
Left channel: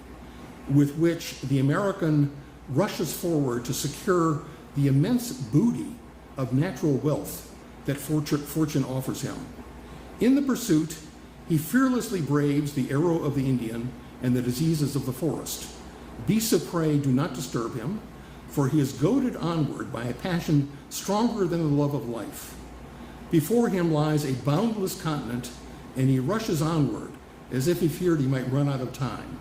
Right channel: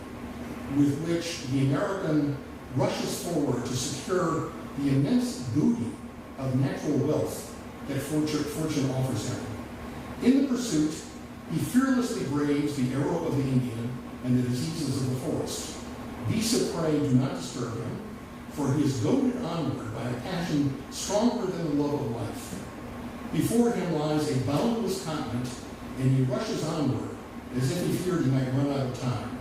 with which the American rushes forward to secure the immense booty of natural wealth that fortune offers him. In the pursuit, he fearlessly braves the arrow of the Indian and the diseases of the forest. Beasts of prey do not disturb him, for he is goaded onward by a passion stronger than the love of life. Before him lies a boundless continent, and he rushes onward as if he feared he might run out of time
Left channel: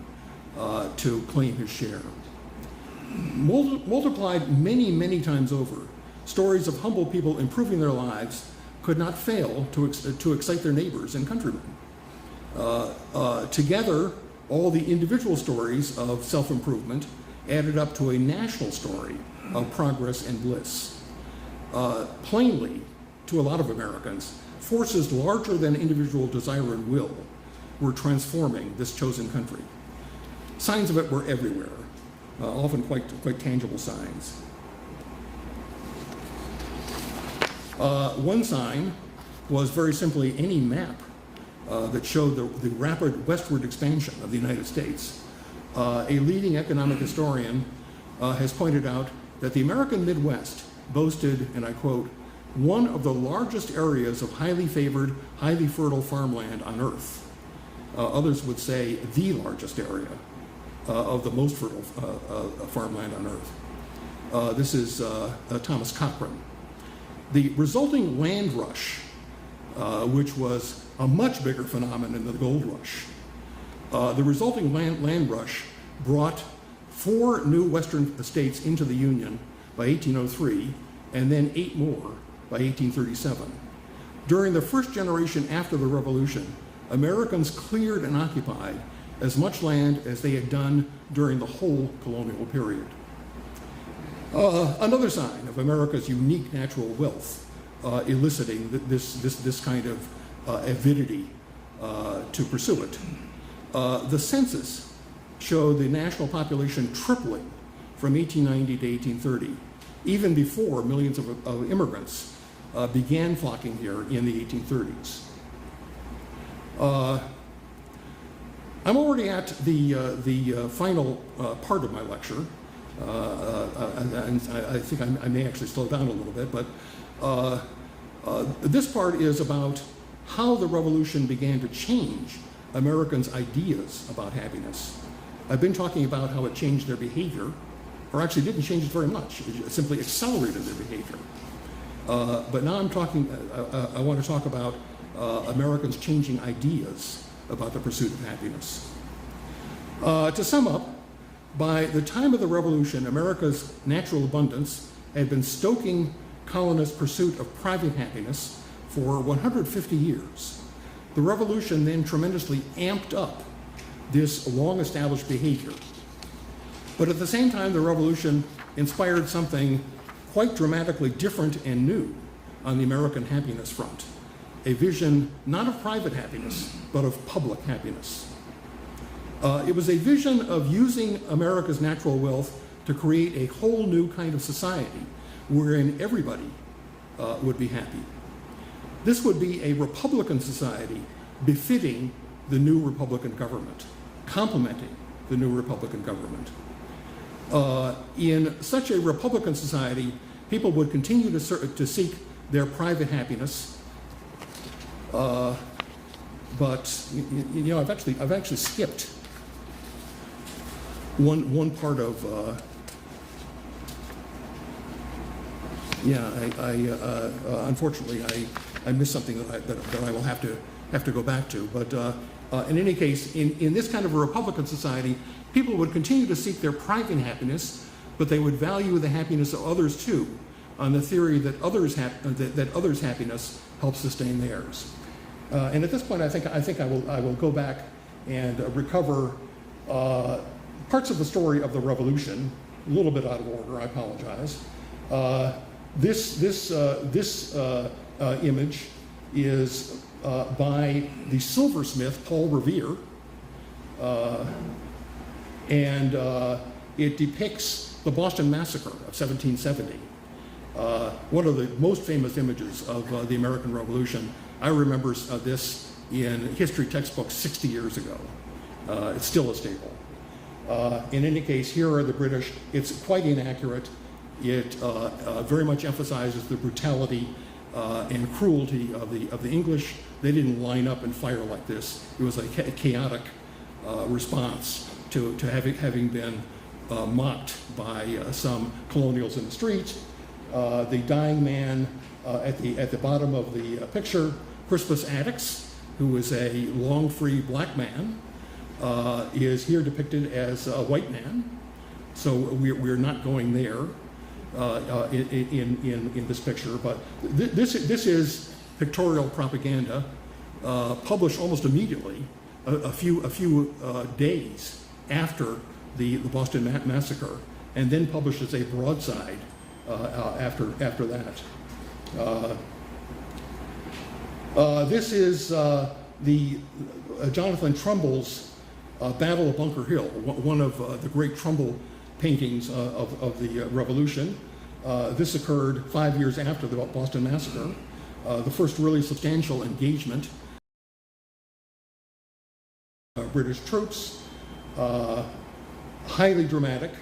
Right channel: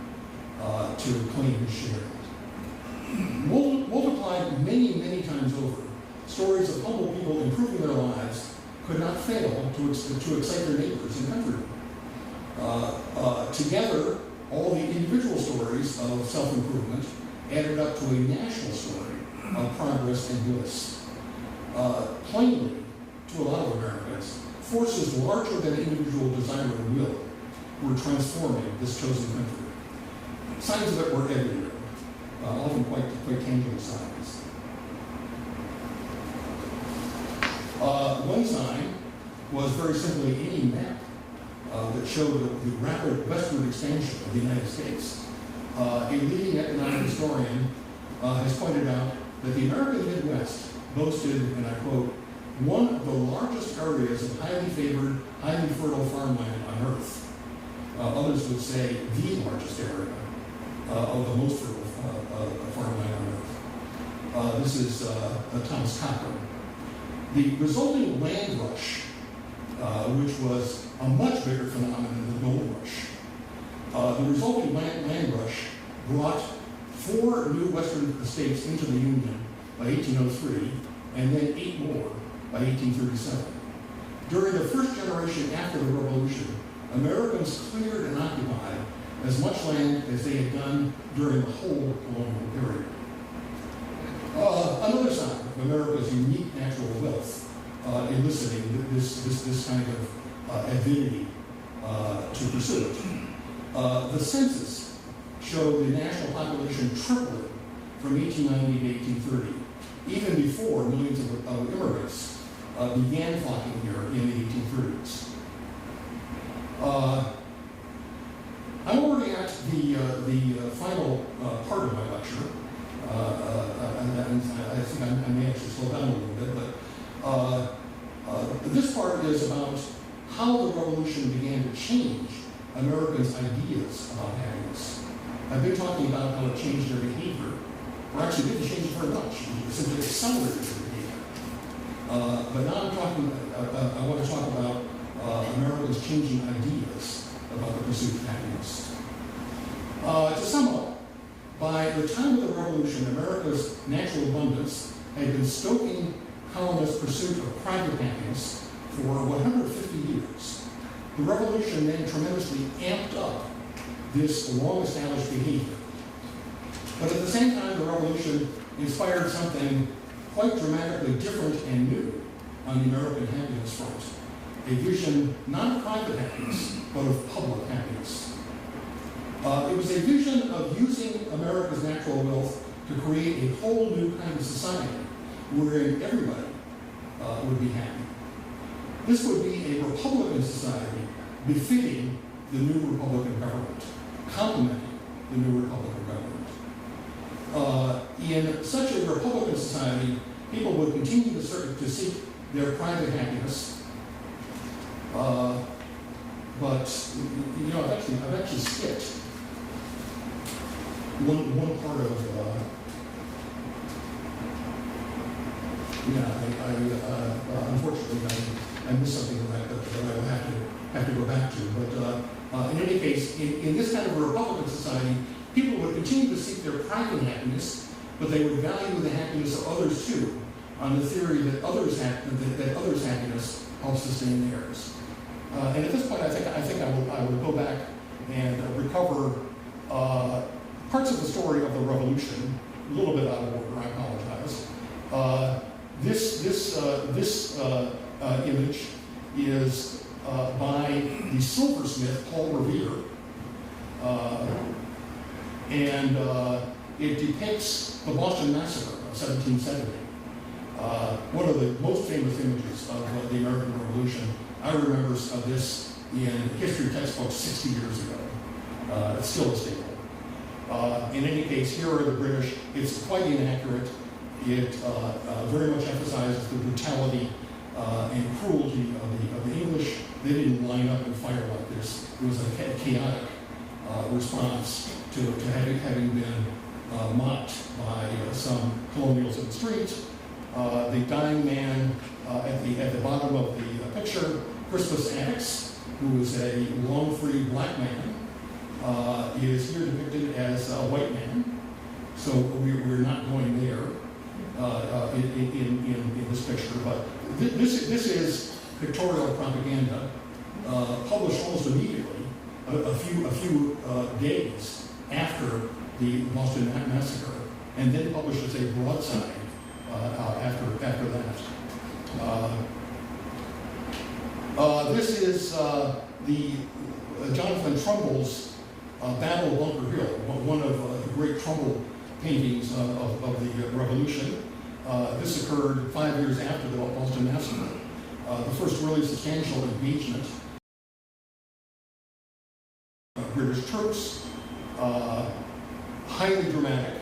to claim his share. Multiplied many, many times over, stories of humble people improving their lives could not fail to excite their neighbors and countrymen. Together, all the individual stories of self-improvement added up to a national story of progress and bliss. Plainly, to a lot of Americans, forces larger than individual desire and will were transforming this chosen country. Signs of it were everywhere, often quite tangible signs. One sign was very simply any map that showed the rapid westward expansion of the United States. A leading economic historian has pointed out that the American Midwest boasted, and I quote, one of the largest areas of highly favored, highly fertile farmland on Earth. Others would say the largest area of the most fertile farmland on Earth. This is Thomas Cochrane. The resulting land rush, which was a much bigger phenomenon than the gold rush, the resulting land rush brought 4 new western states into the Union by 1803, and then 8 more by 1837. During the first generation after the Revolution, Americans cleared and occupied as much land as they had done during the whole colonial period. Another sign of America's unique natural wealth eliciting this kind of avidity to pursue it. The census showed the national population tripling from 1890 to 1830, even before millions of immigrants began flocking here in the 1830s. I'm already at the final part of my lecture, and I think I may actually slow down a little bit, but this part is about how the revolution began to change Americans' ideas about happiness. I've been talking about how it changed their behavior, or actually didn't change it very much. It simply accelerated their behavior. But now I want to talk about Americans changing ideas about the pursuit of happiness. To sum up, by the time of the Revolution, America's natural abundance had been stoking colonists' pursuit of private happiness for 150 years. The Revolution then tremendously amped up this long-established behavior. But at the same time, the Revolution inspired something quite dramatically different and new on the American happiness front. A vision not of private happiness, but of public happiness. It was a vision of using America's natural wealth to create a whole new kind of society wherein everybody would be happy. This would be a Republican society befitting the new Republican government, complementing the new Republican government. In such a Republican society, people would continue to seek their private happiness, but you know, I've actually skipped one part of. Unfortunately, I missed something that I will have to go back to. But in any case, in this kind of a Republican society, people would continue to seek their private happiness, but they would value the happiness of others too, on the theory that others' happiness helps sustain theirs. And at this point, I think I will go back and recover parts of the story of the Revolution, a little bit out of order. I apologize. This image is by the silversmith Paul Revere, and it depicts the Boston Massacre of 1770. One of the most famous images of the American Revolution. I remember this in history textbooks 60 years ago. It's still a staple. In any case, here are the British. It's quite inaccurate. It very much emphasizes the brutality and cruelty of the English. They didn't line up and fire like this. It was a chaotic response to having been mocked by some colonials in the streets. The dying man at the bottom of the picture, Crispus Attucks, who is a long-free black man, is here depicted as a white man. So we're not going there in this picture. But this is pictorial propaganda published almost immediately, a few days after the Boston Massacre, and then published as a broadside after that. This is the Jonathan Trumbull's Battle of Bunker Hill, one of the great Trumbull paintings of the Revolution. This occurred 5 years after the Boston Massacre, the first really substantial engagement of British troops, highly dramatic.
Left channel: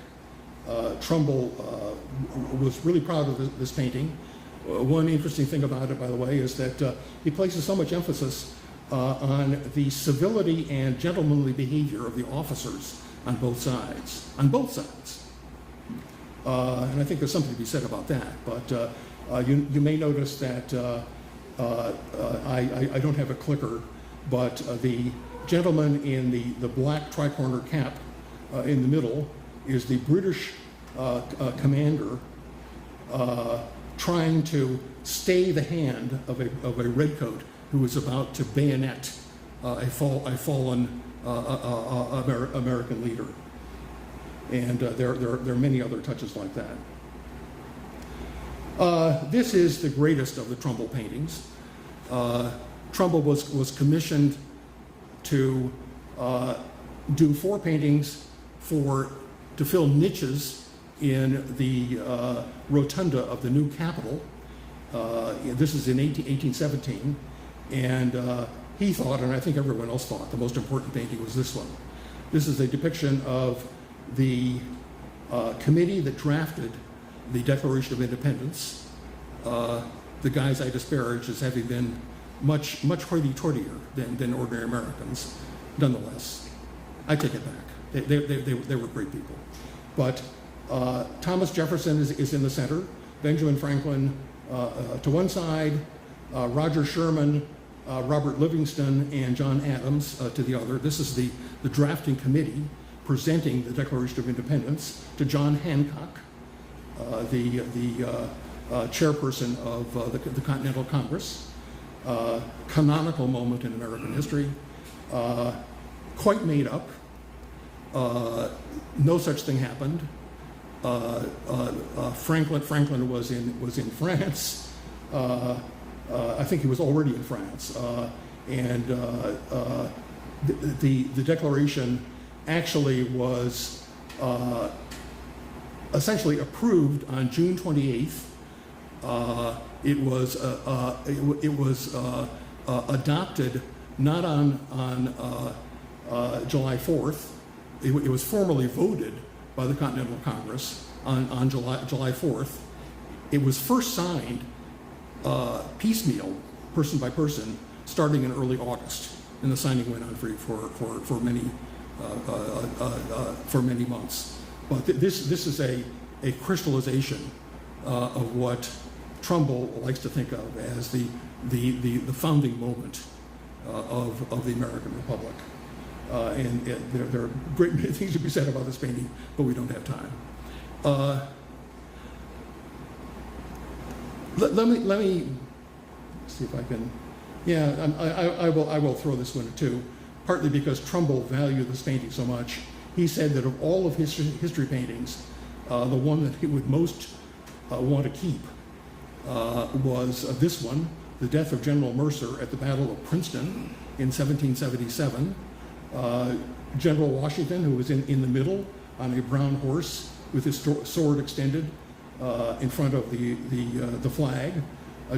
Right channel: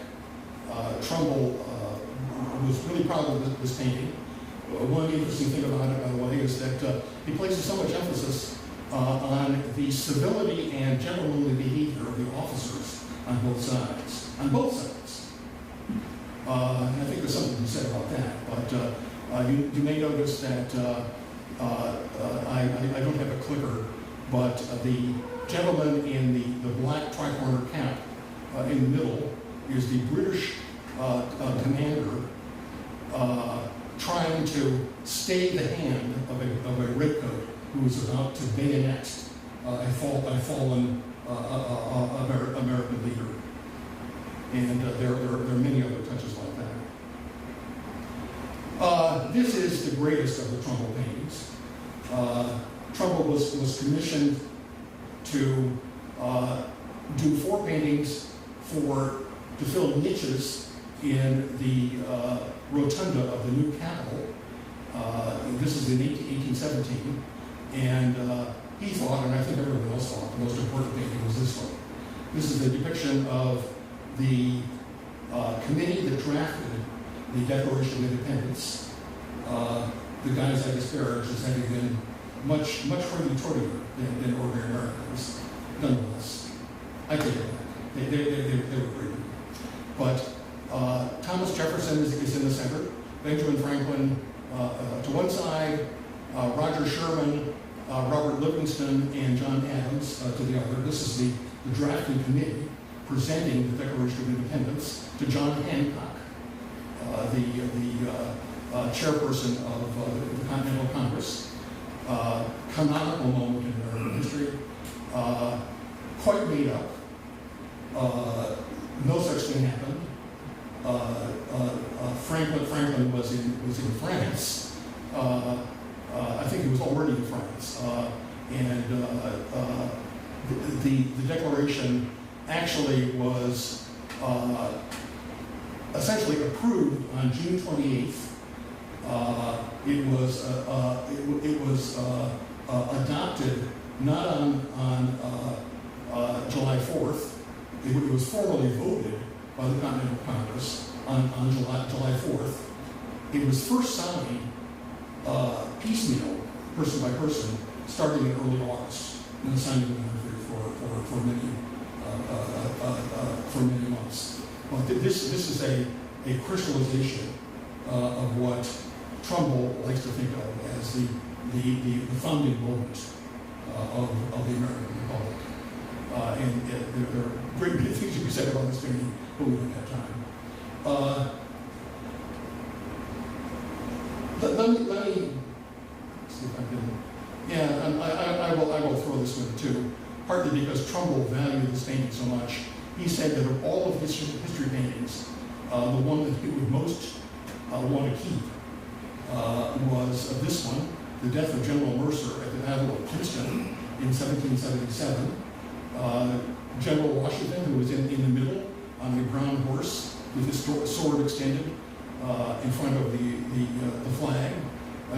Trumbull was really proud of this painting. One interesting thing about it, by the way, is that he places so much emphasis on the civility and gentlemanly behavior of the officers on both sides. And I think there's something to be said about that. But you may notice that I don't have a clicker, but the gentleman in the black tricorner cap in the middle is the British commander trying to stay the hand of a redcoat who is about to bayonet a fallen American leader. And there are many other touches like that. This is the greatest of the Trumbull paintings. Trumbull was commissioned to do 4 paintings to fill niches in the rotunda of the new Capitol. This is in 1817, and he thought, and I think everyone else thought, the most important painting was this one. This is a depiction of the committee that drafted the Declaration of Independence. The guys I disparage as having been much hoity-toityer than ordinary Americans. Nonetheless, I take it back. They were great people. But Thomas Jefferson is in the center. Benjamin Franklin To one side, Roger Sherman, Robert Livingston, and John Adams to the other. This is the drafting committee presenting the Declaration of Independence to John Hancock, the chairperson of the Continental Congress. Canonical moment in American history. Quite made up. No such thing happened. Franklin was in France. I think he was already in France, and the Declaration actually was essentially approved on June 28th. It was adopted not on July 4th. It was formally voted by the Continental Congress on July 4th. It was first signed piecemeal, person by person, starting in early August, and the signing went on for many months. But this is a crystallization of what Trumbull likes to think of as the founding moment of the American Republic. And there are great many things to be said about this painting, but we don't have time. Let me see if I can. Yeah, I will throw this one too. Partly because Trumbull valued this painting so much, he said that of all of his history paintings, the one that he would most want to keep was this one, the death of General Mercer at the Battle of Princeton in 1777. General Washington, who was in the middle on a brown horse with his sword extended in front of the flag.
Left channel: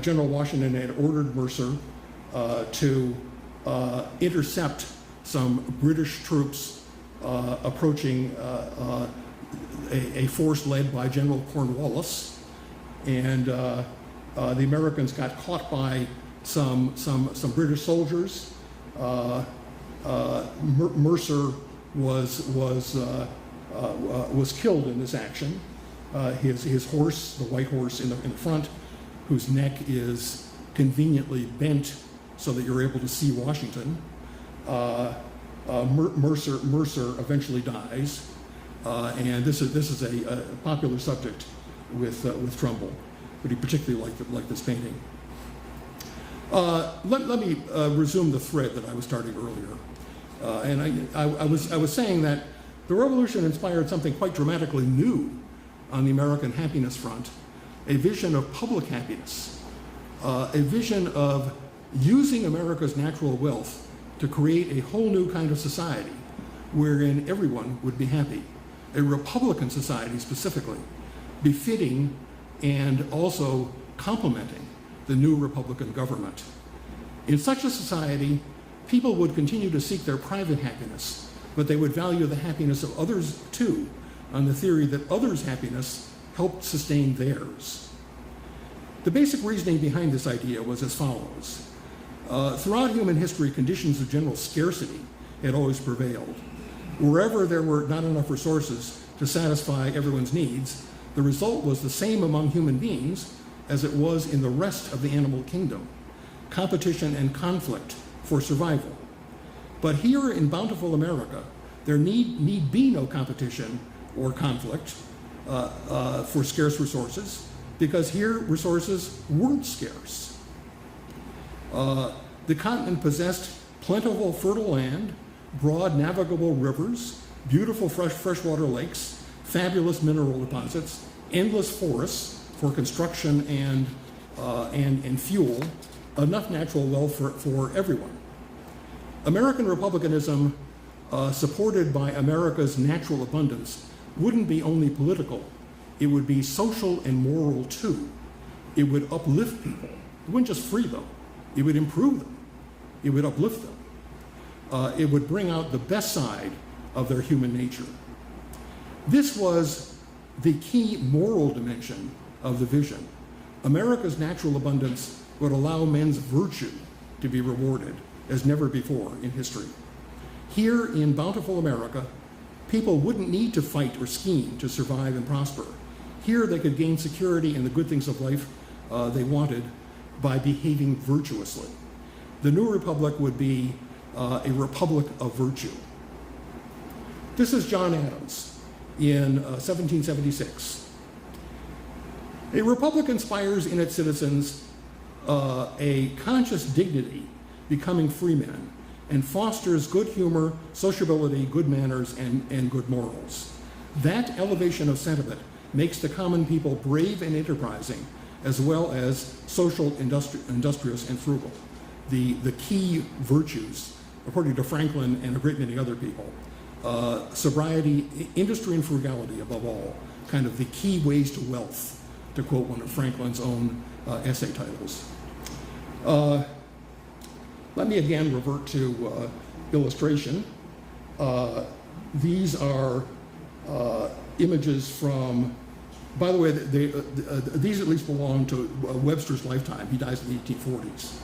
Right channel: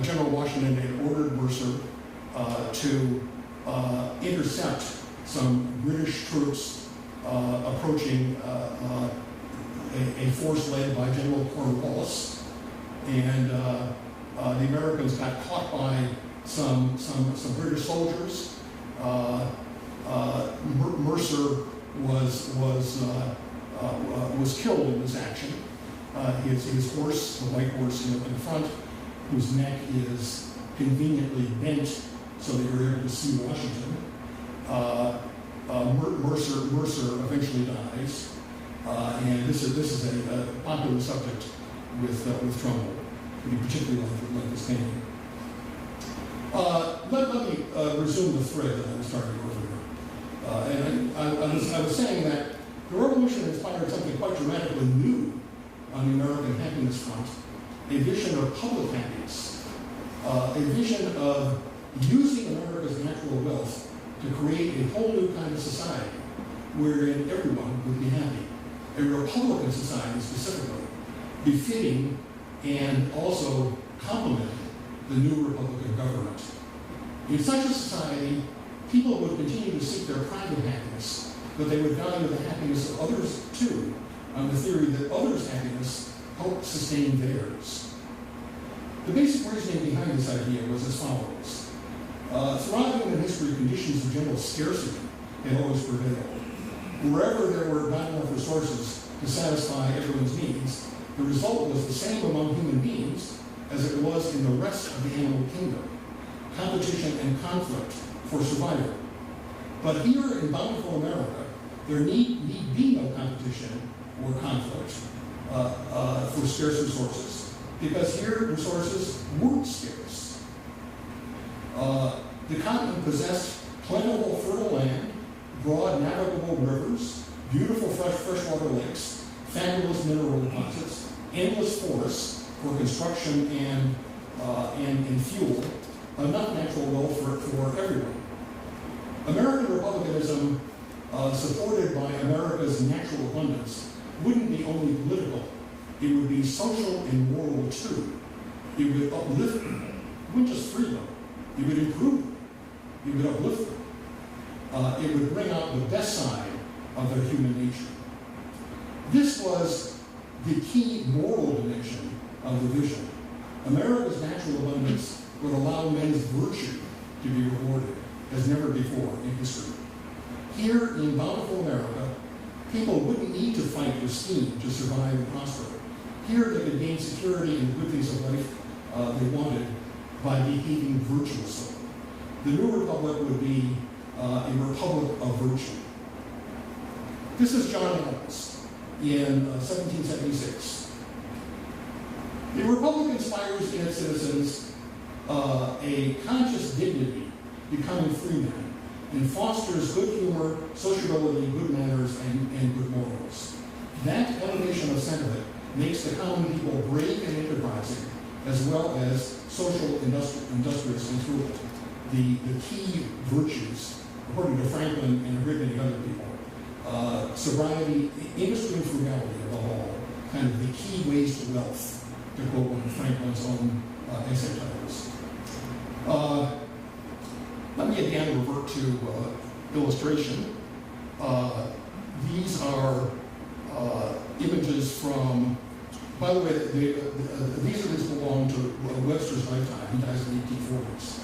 General Washington had ordered Mercer to intercept some British troops approaching a force led by General Cornwallis, and the Americans got caught by some British soldiers. Mercer was killed in this action. His horse, the white horse in front, whose neck is conveniently bent so that you're able to see Washington. Mercer eventually dies, and this is a popular subject with Trumbull, but he particularly liked this painting. Let me resume the thread that I was starting earlier, and I was saying that the revolution inspired something quite dramatically new on the American happiness front, a vision of public happiness, a vision of using America's natural wealth to create a whole new kind of society wherein everyone would be happy, a Republican society specifically, befitting and also complementing the new Republican government. In such a society, people would continue to seek their private happiness, but they would value the happiness of others too, on the theory that others' happiness helped sustain theirs. The basic reasoning behind this idea was as follows. Throughout human history, conditions of general scarcity had always prevailed. Wherever there were not enough resources to satisfy everyone's needs, the result was the same among human beings as it was in the rest of the animal kingdom: competition and conflict for survival. But here in bountiful America, there need be no competition or conflict for scarce resources, because here resources weren't scarce. The continent possessed plentiful fertile land, broad navigable rivers, beautiful freshwater lakes, fabulous mineral deposits, endless forests for construction and fuel, enough natural wealth for everyone. American republicanism, supported by America's natural abundance, wouldn't be only political, it would be social and moral too. It would uplift people. It wouldn't just free them, it would improve them, it would uplift them. It would bring out the best side of their human nature. This was the key moral dimension of the vision. America's natural abundance would allow men's virtue to be rewarded as never before in history. Here in bountiful America, people wouldn't need to fight or scheme to survive and prosper. Here they could gain security in the good things of life they wanted by behaving virtuously. The new republic would be a republic of virtue. This is John Adams in 1776. A republic inspires in its citizens a conscious dignity, becoming free men, and fosters good humor, sociability, good manners, and good morals. That elevation of sentiment makes the common people brave and enterprising, as well as social, industrious, and frugal. The key virtues, according to Franklin and a great many other people, sobriety, industry, and frugality above all, kind of the key ways to wealth, to quote one of Franklin's own essay titles. Let me again revert to illustration. These are images from, by the way, these at least belong to Webster's lifetime. He dies in the 1840s.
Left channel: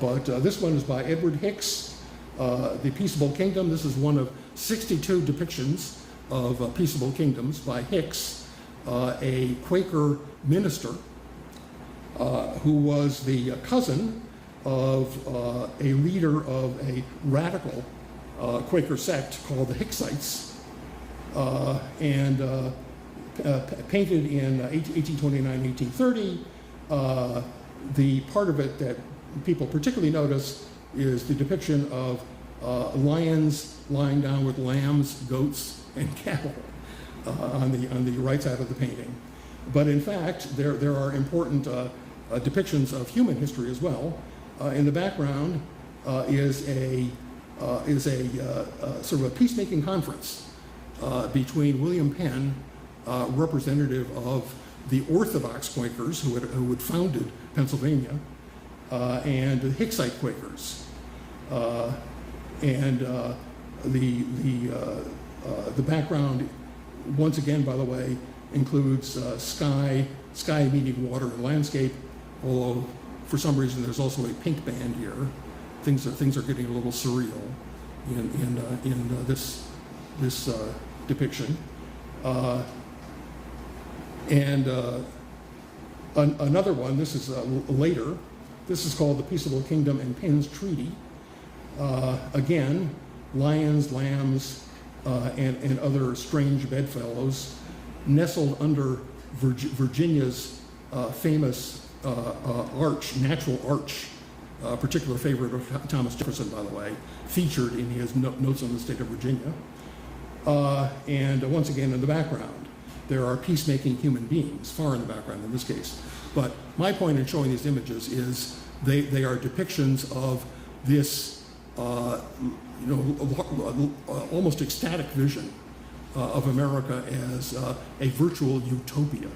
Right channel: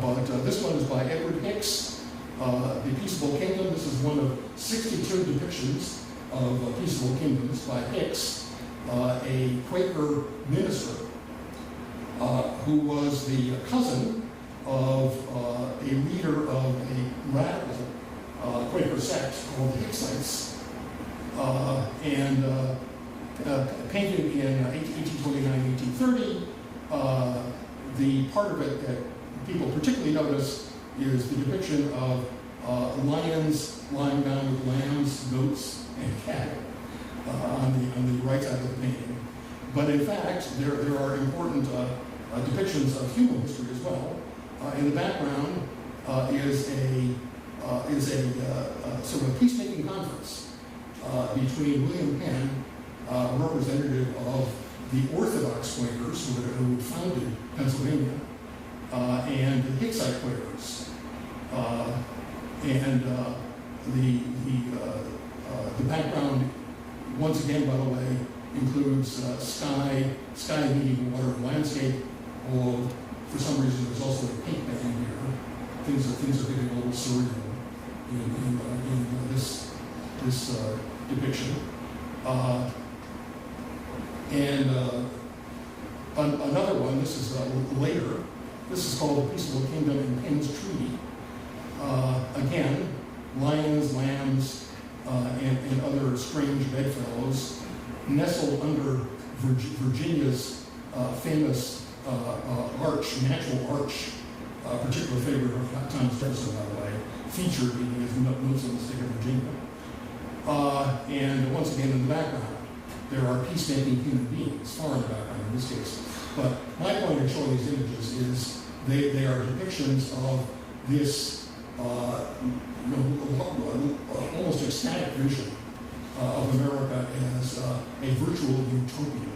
But this one is by Edward Hicks, The Peaceable Kingdom. This is one of 62 depictions of peaceable kingdoms by Hicks, a Quaker minister who was the cousin of a leader of a radical Quaker sect called the Hicksites, and painted in 1829, 1830. The part of it that people particularly notice is the depiction of lions lying down with lambs, goats, and cattle on the right side of the painting. But in fact, there are important depictions of human history as well. In the background is a sort of a peacemaking conference between William Penn, representative of the Orthodox Quakers who had founded Pennsylvania, and the Hicksite Quakers, and the background, once again, by the way, includes sky meeting water and landscape. Although for some reason there's also a pink band here. Things are getting a little surreal in this depiction. Another one, this is later, this is called The Peaceable Kingdom in Penn's Treaty. Again, lions, lambs, and other strange bedfellows nestled under Virginia's famous natural arch, a particular favorite of Thomas Jefferson, by the way, featured in his Notes on the State of Virginia. And once again, in the background, there are peacemaking human beings, far in the background in this case. But my point in showing these images is they are depictions of this almost ecstatic vision of America as a virtual utopia,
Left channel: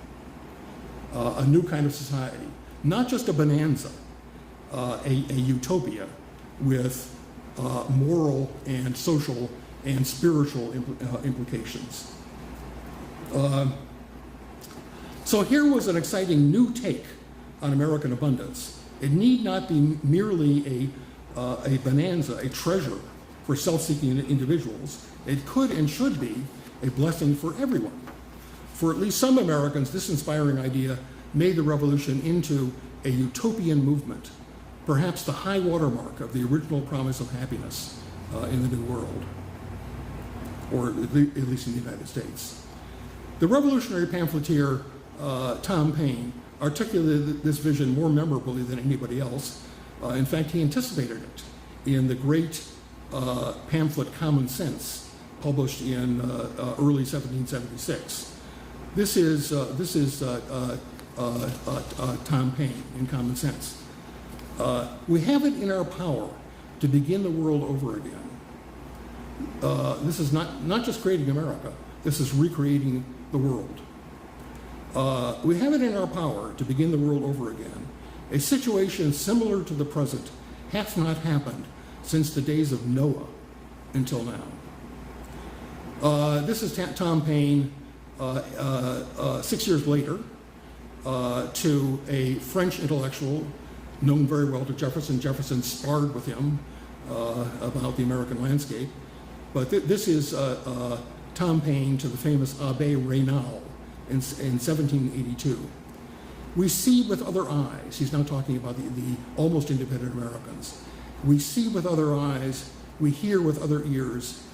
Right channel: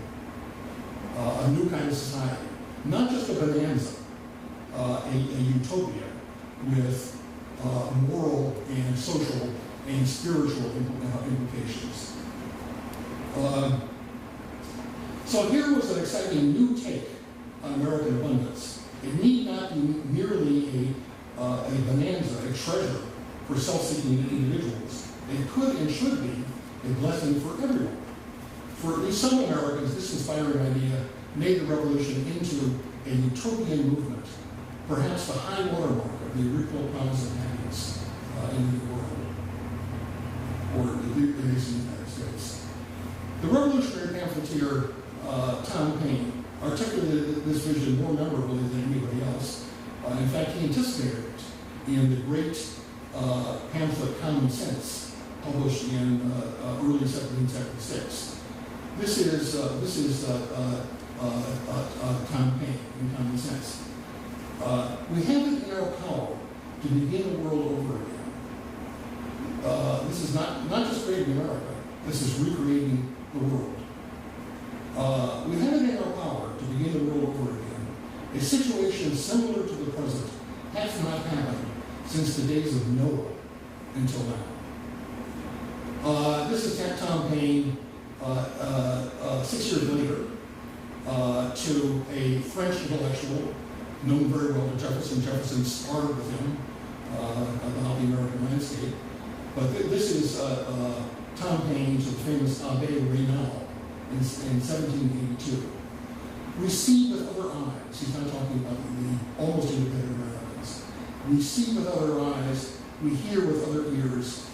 a new kind of society, not just a bonanza, a utopia with moral and social and spiritual implications. So here was an exciting new take on American abundance. It need not be merely a bonanza, a treasure for self-seeking individuals. It could and should be a blessing for everyone. For at least some Americans, this inspiring idea made the revolution into a utopian movement, perhaps the high watermark of the original promise of happiness in the New World, or at least in the United States. The revolutionary pamphleteer Tom Paine articulated this vision more memorably than anybody else. In fact, he anticipated it in the great pamphlet Common Sense, published in early 1776. This is Tom Paine in Common Sense. We have it in our power to begin the world over again. This is not just creating America, this is recreating the world. We have it in our power to begin the world over again. A situation similar to the present has not happened since the days of Noah until now. This is Tom Paine 6 years later to a French intellectual known very well to Jefferson. Jefferson sparred with him about the American landscape. But this is Tom Paine to the famous Abbé Raynal in 1782. We see with other eyes. He's not talking about the almost independent Americans. We see with other eyes, we hear with other ears,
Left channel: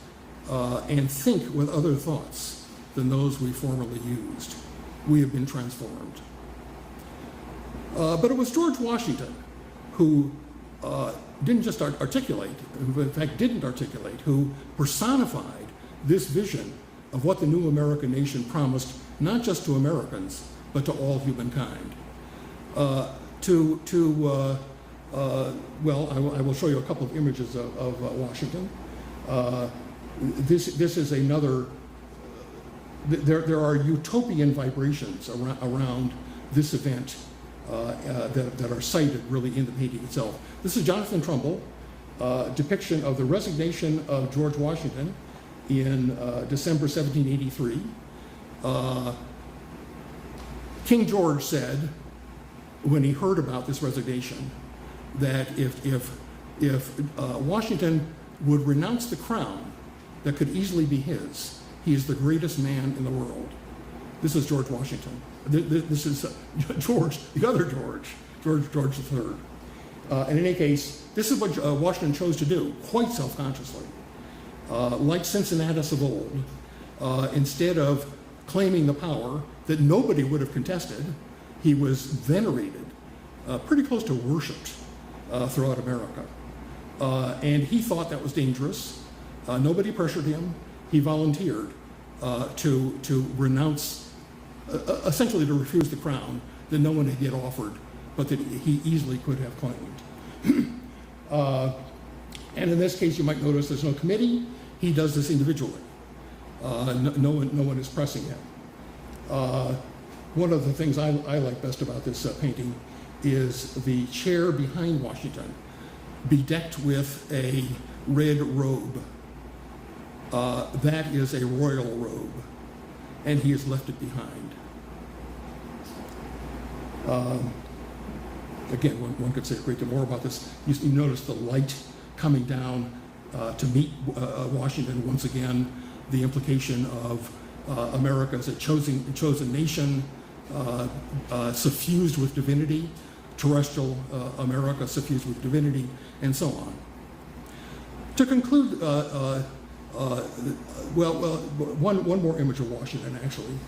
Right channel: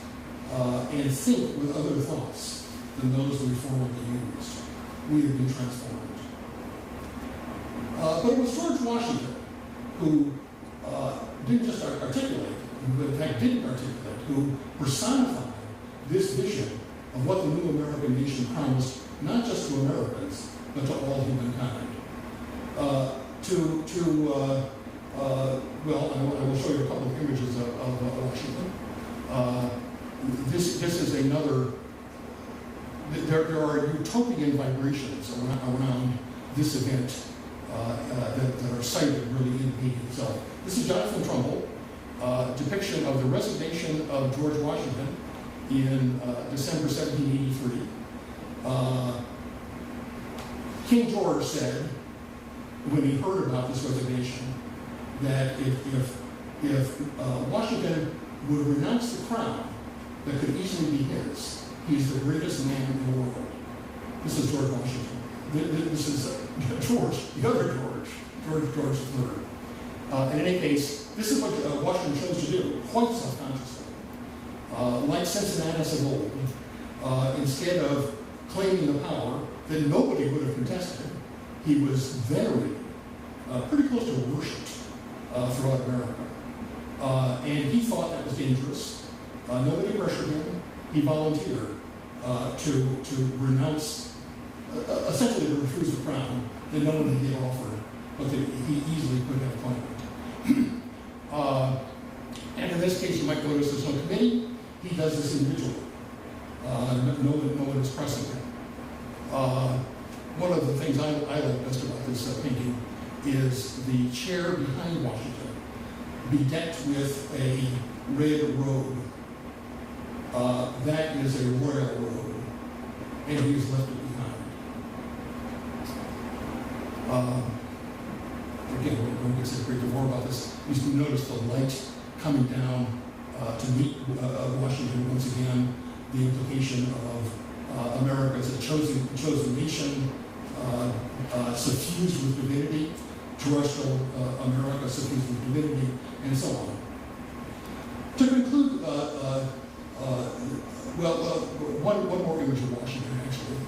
and think with other thoughts than those we formerly used. We have been transformed. But it was George Washington who didn't just articulate, who in fact didn't articulate, who personified this vision of what the new American nation promised, not just to Americans, but to all humankind. Well, I will show you a couple of images of Washington. This is another, there are utopian vibrations around this event that are cited really in the painting itself. This is Jonathan Trumbull, depiction of the resignation of George Washington in December 1783. King George said, when he heard about this resignation, that if Washington would renounce the crown that could easily be his, he is the greatest man in the world. This is George Washington. This is George, the other George III. In any case, this is what Washington chose to do, quite self-consciously. Like Cincinnatus of old, instead of claiming the power that nobody would have contested, he was venerated, pretty close to worshipped throughout America. And he thought that was dangerous. Nobody pressured him. He volunteered to renounce, essentially to refuse the crown that no one had yet offered, but that he easily could have claimed. And in this case, you might notice there's no committee. He does this individually. No one is pressing him. One of the things I like best about this painting is the chair behind Washington, bedecked with a red robe. That is a royal robe, and he has left it behind. Again, one could say a great deal more about this. You notice the light coming down to meet Washington once again, the implication of America as a chosen nation, suffused with divinity, terrestrial America suffused with divinity, and so on. To conclude, one more image of Washington, actually.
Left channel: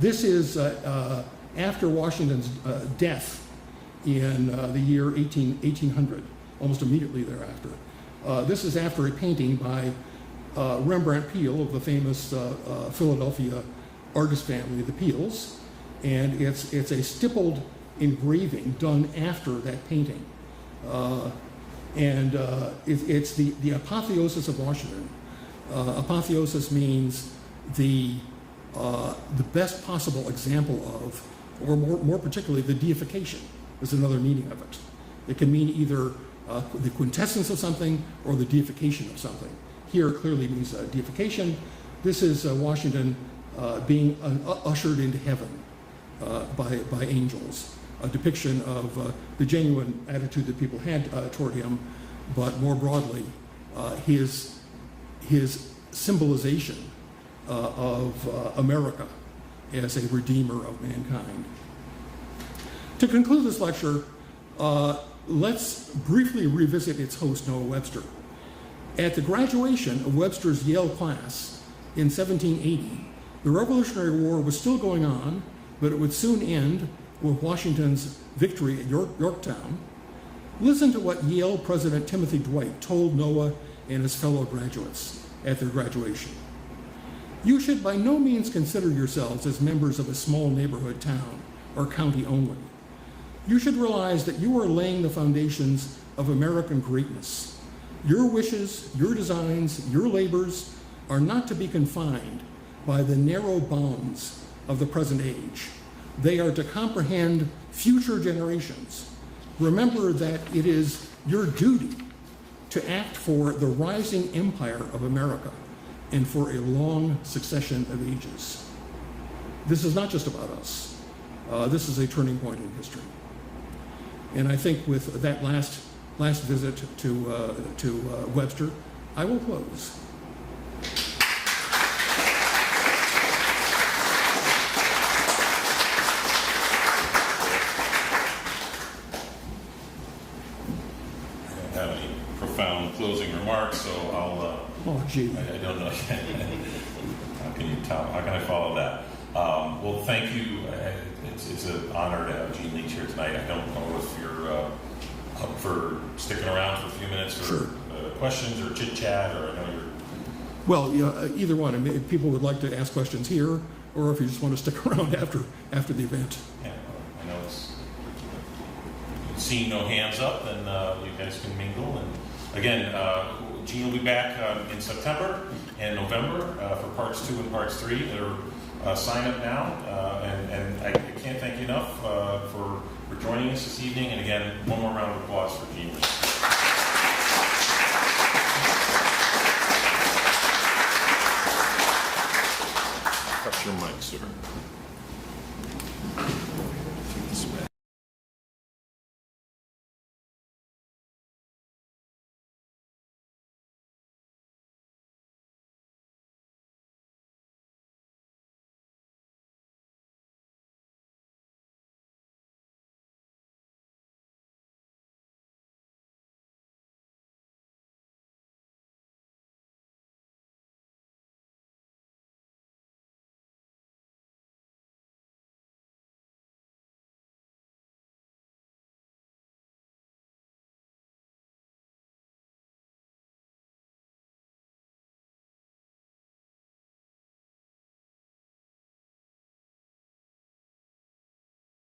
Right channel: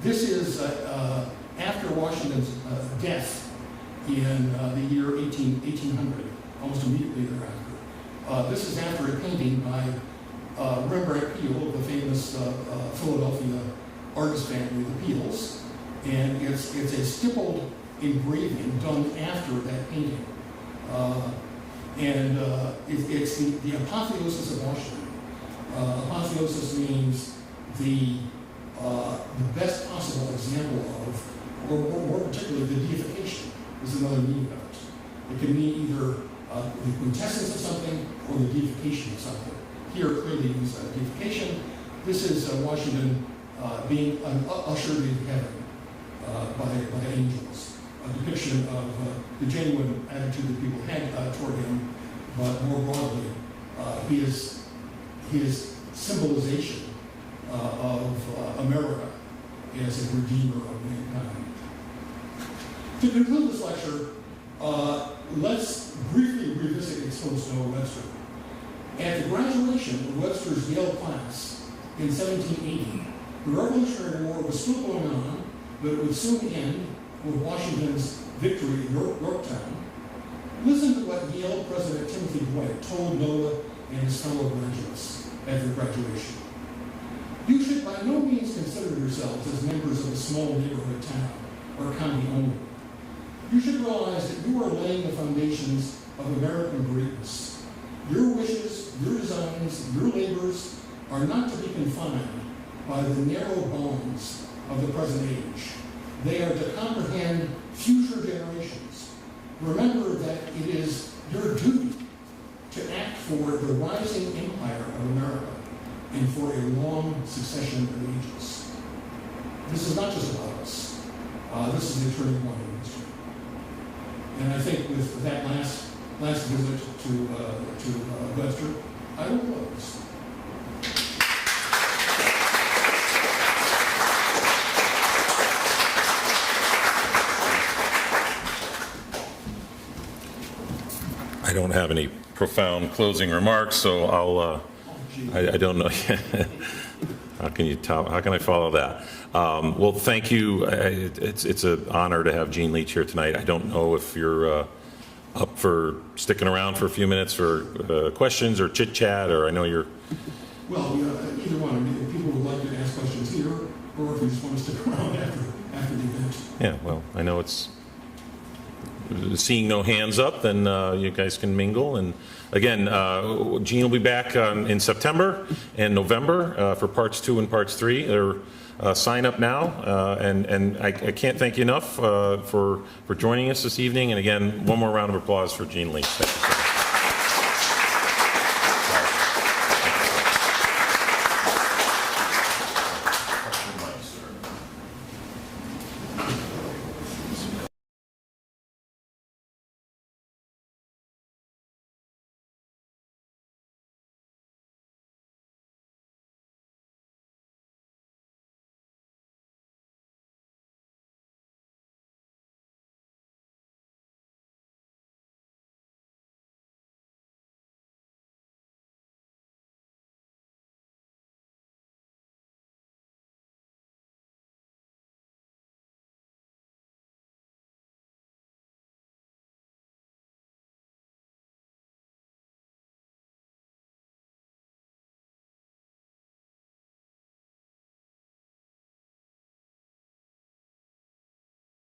This is after Washington's death in the year 1800, almost immediately thereafter. This is after a painting by Rembrandt Peale of the famous Philadelphia artist family, the Peales, and it's a stippled engraving done after that painting. It's the apotheosis of Washington. Apotheosis means the best possible example of, or more particularly, the deification is another meaning of it. It can mean either the quintessence of something or the deification of something. Here it clearly means deification. This is Washington being ushered into heaven by angels, a depiction of the genuine attitude that people had toward him, but more broadly, his symbolization of America as a redeemer of mankind. To conclude this lecture, let's briefly revisit its host, Noah Webster. At the graduation of Webster's Yale class in 1780, the Revolutionary War was still going on, but it would soon end with Washington's victory at Yorktown. Listen to what Yale President Timothy Dwight told Noah and his fellow graduates at their graduation. You should by no means consider yourselves as members of a small neighborhood town or county only. You should realize that you are laying the foundations of American greatness. Your wishes, your designs, your labors are not to be confined by the narrow bounds of the present age. They are to comprehend future generations. Remember that it is your duty to act for the rising empire of America and for a long succession of ages. This is not just about us. This is a turning point in history. And I think with that last visit to Webster, I will close. have any profound closing remarks, so I'll. Oh, gee. I don't know. How can you tell? How can I follow that? Well, thank you. It's an honor to have Gene Leach here tonight. I don't know if you're up for sticking around for a few minutes for questions or chit chat, or I know you're. Well, yeah, either one. I mean, if people would like to ask questions here, or if you just want to stick around after the event. Yeah. Well, I know it's seeing no hands up, then you guys can mingle. And again, Gene will be back in September and November for parts 2 and parts 3. They're sign up now, and I can't thank you enough for joining us this evening. And again, one more round of applause for Gene Leach. Question, Mike, sir.